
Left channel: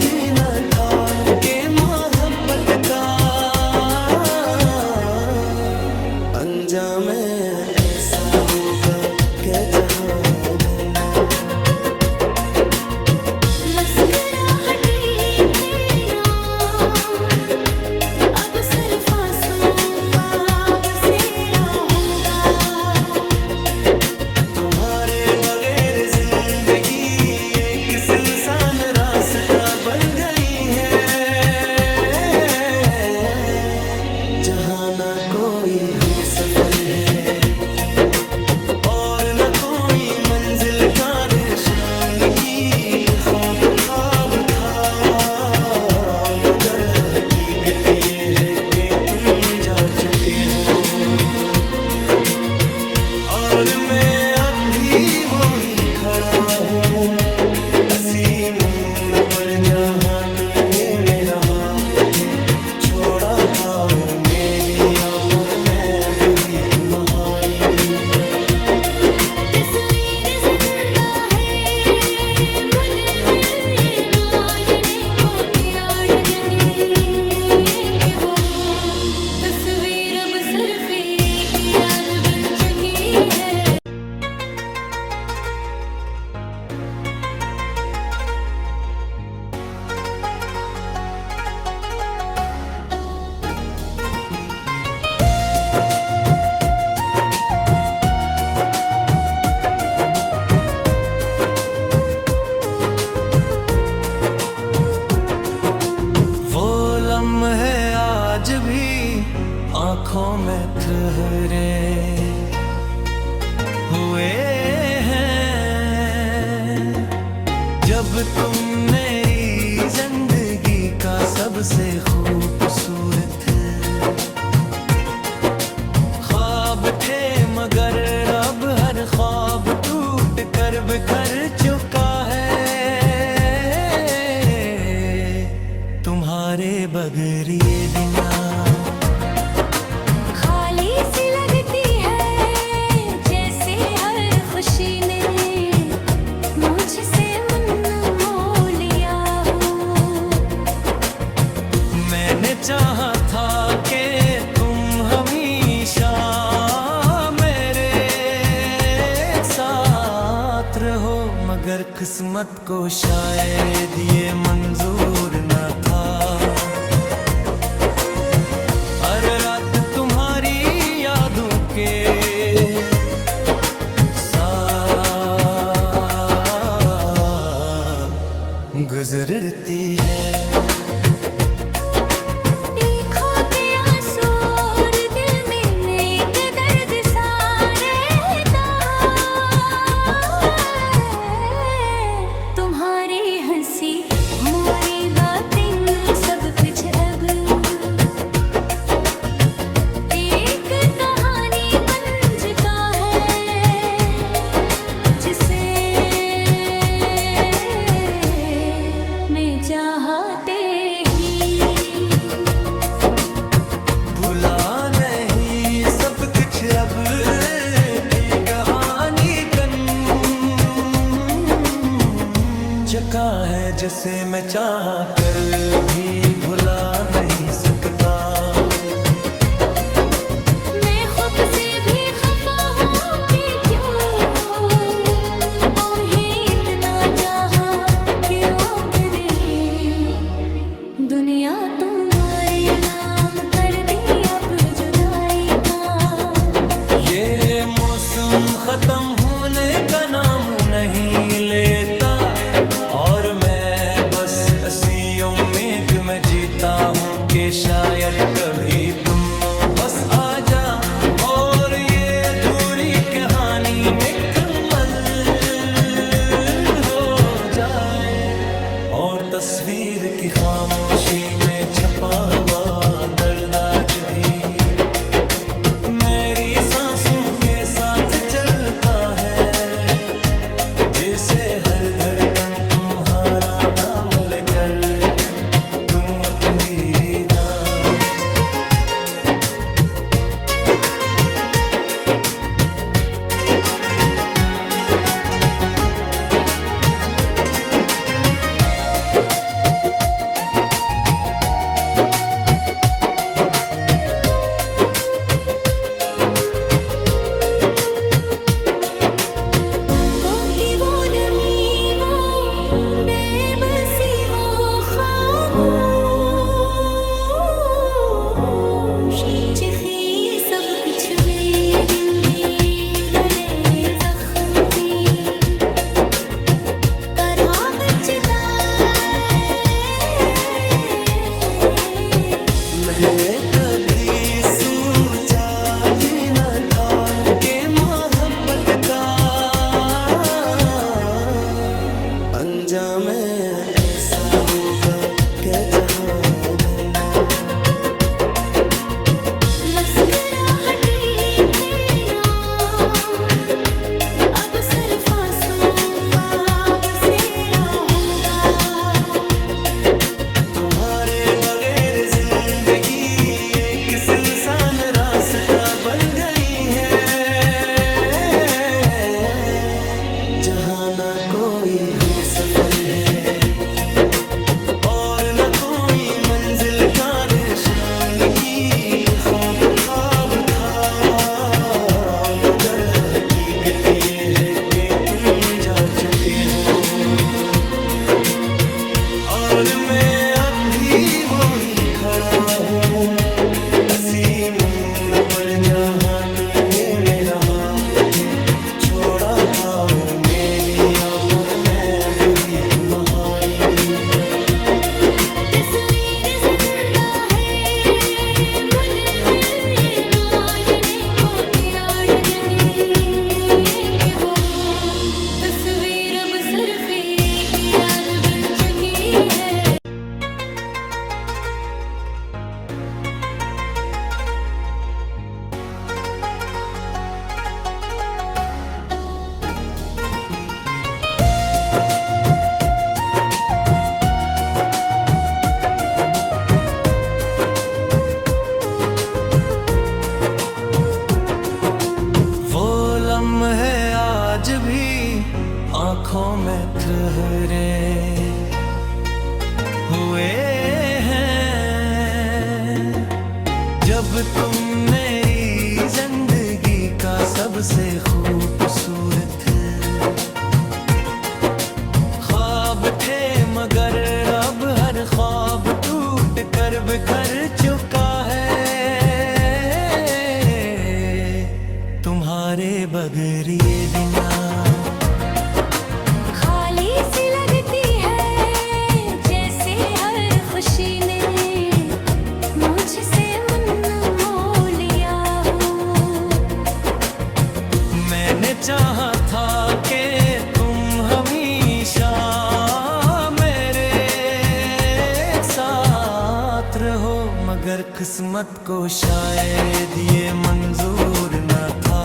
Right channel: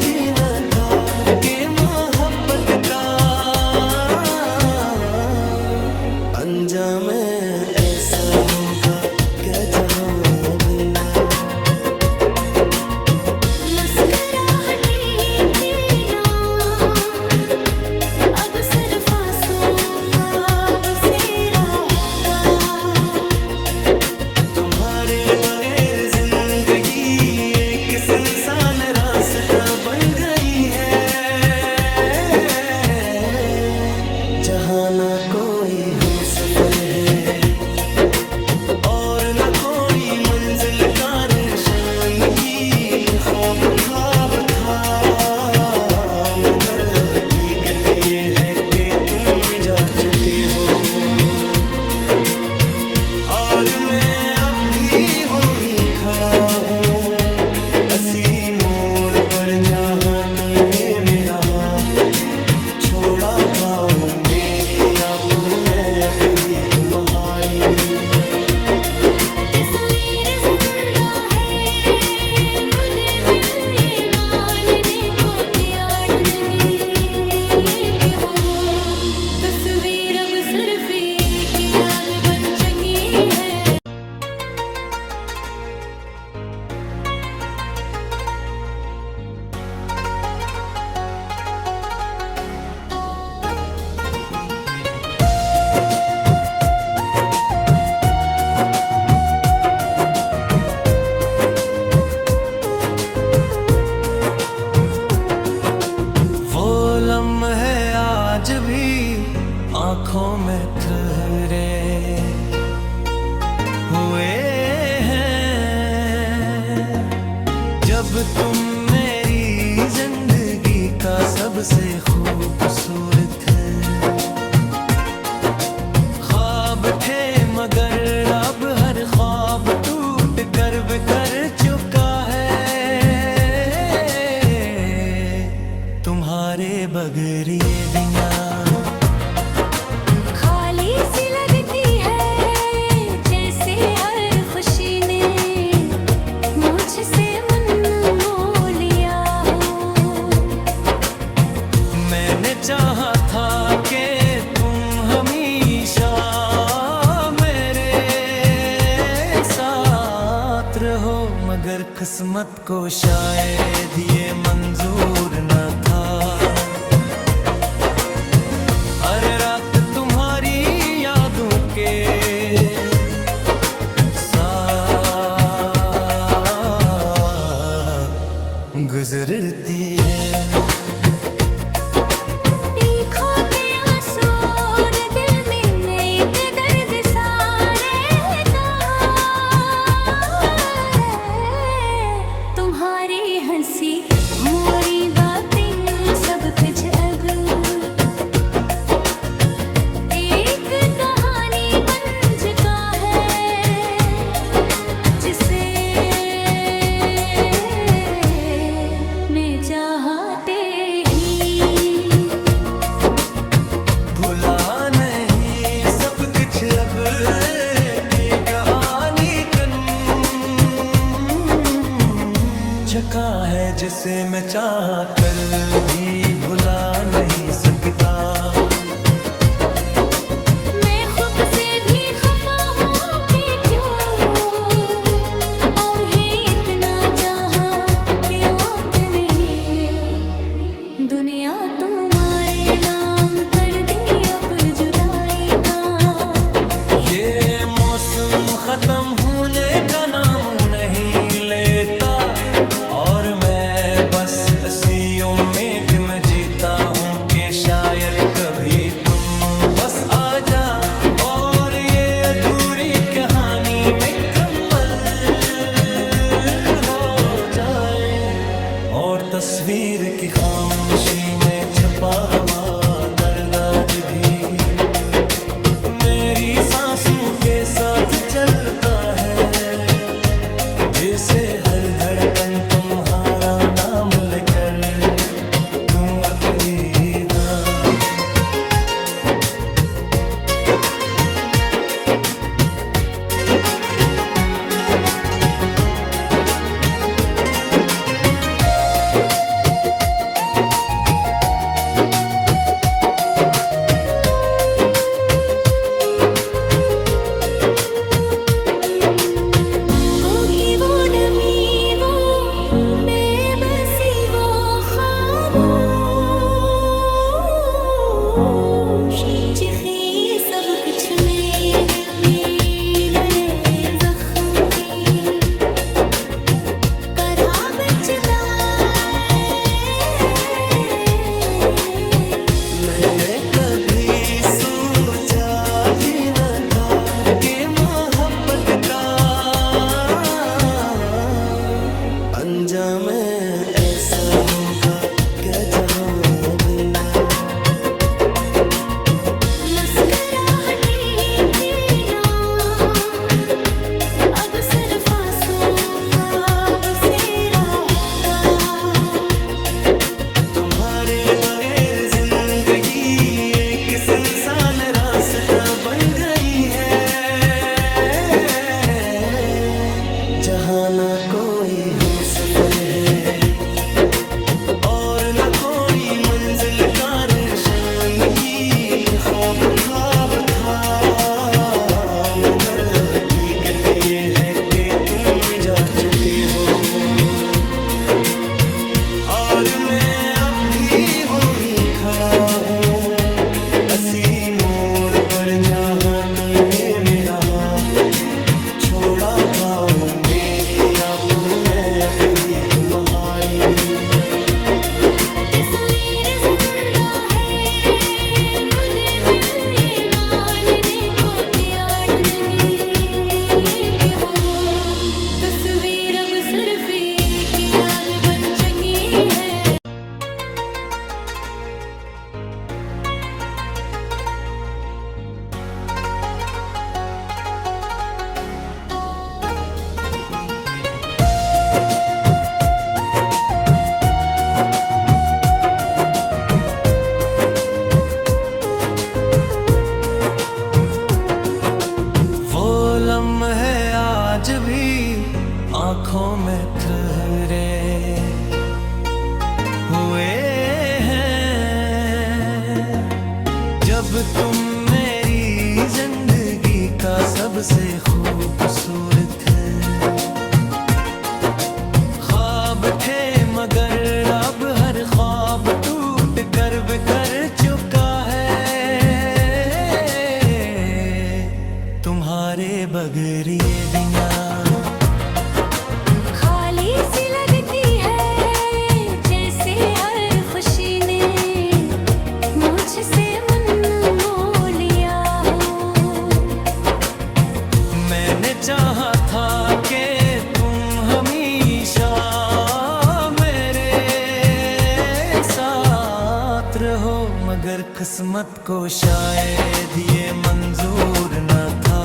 भी न था कि मोहब्बत का अंजाम ऐसा होगा क्या जहां भरना। मुस्कुराहटे थे ना अब सिर्फ आंसुओं का बसेरा होगा। तुम्हारे बगैर जिंदगी एक सुनसान रास्ता बन गई है, जहाँ ना कोई हम सफर है और न कोई मंजिल का निशान की। ख्वाब ख्वाब था मगर हकीकत ये है कि तुम जा चुके हो और मैं अब भी वो ही खड़ा हूँ असी मोड़ पर जहाँ तुमने मेरा हाथ छोड़ा था। ओ मेरी आंखों में डूबी तुम्हारी तस्वीर जिंदा है मुझे मिल ये मानने को तैयार नहीं ये कि वो तस्वीर अब सिर्फ एक याद बन चुकी है। लम्हे आज भी आंखों में ठहरे हुए हैं जब तुम मेरी जिंदगी का सबसे खूबसूरत ख्वाब थे मगर अब हर ख्वाब टूट कर बिखर चुका है। तुम्हारे बगैर ये दुनिया खाली सी लगती है जैसे हर खुशी ने मुझसे मन मोह लिया हो। मैंने चाहा था कि तुम हमेशा मेरे साथ रहो मगर किस्मत को शायद ये मंजूर न था। हर रात तुम्हारी यादों के साथ गुजरती है। मोरी बातें सब कुछ अब एक कहानी बन चुका है जिसे मैं चाहते ही भुला नहीं सब कुछ अब की कहानी जका है जिसे मैं चाह कर भी भुला नहीं सकता। मैं खुद से भी खफा हूँ कि क्यों और ही इतना चाहा कि अपने दुनिया तुम्हारे नाम कर दी अब जुदाई का। ये मौसम खत्म होने का नाम नहीं लेता और मैं बस इसी उम्मीद में जीता हूँ कि शायद कभी तुम बस आ जा और ये अधूरी कहानी मुकम्मल हो जाए और तस्वीर की खामोशी में छपा हुआ दर्द आज भी मेरी सांसों के साथ चलता है जिसे हर धड़कन तुम्हारा नाम लेकर तुम अकेली था। समझा मैं ऐसा होगा क्या जहां भरना। मुस्कुराहटी थे ना, अब सिर्फ आंसुओं का बसेरा होगा। तुम्हारे बगैर जिंदगी एक सुनसान रास्ता बन गई है, जहाँ ना कोई हम सफर है और न कोई मंजिल का निशान की ख्वाब ख्वाब था। मगर हकीकत ये है कि तुम जा चुके हो और मैं अब भी वो ही खड़ा हूँ असी मोड़ पर, जहाँ तुमने मेरा हाथ छोड़ा था। वो मेरी आंखों में डूबी तुम्हारी तस्वीर जिंदा है, मुझे दिल ये मानने को तैयार नहीं है कि वो तस्वीर अब सिर्फ एक याद बन चुकी है। लम्हे आज भी आंखों में ठहरे हुए हैं, जब तुम मेरी जिंदगी का सबसे खूबसूरत ख्वाब थे। मगर अब हर ख्वाब टूट कर बिखर चुका है, तुम्हारे बगैर ये दुनिया खाली सी लगती है, जैसे हर खुशी ने मुझसे मन मोह लिया हो। मैंने चाहा था कि तुम हमेशा मेरे साथ रहो, मगर किस्मत को शायद ये मंजूर न था।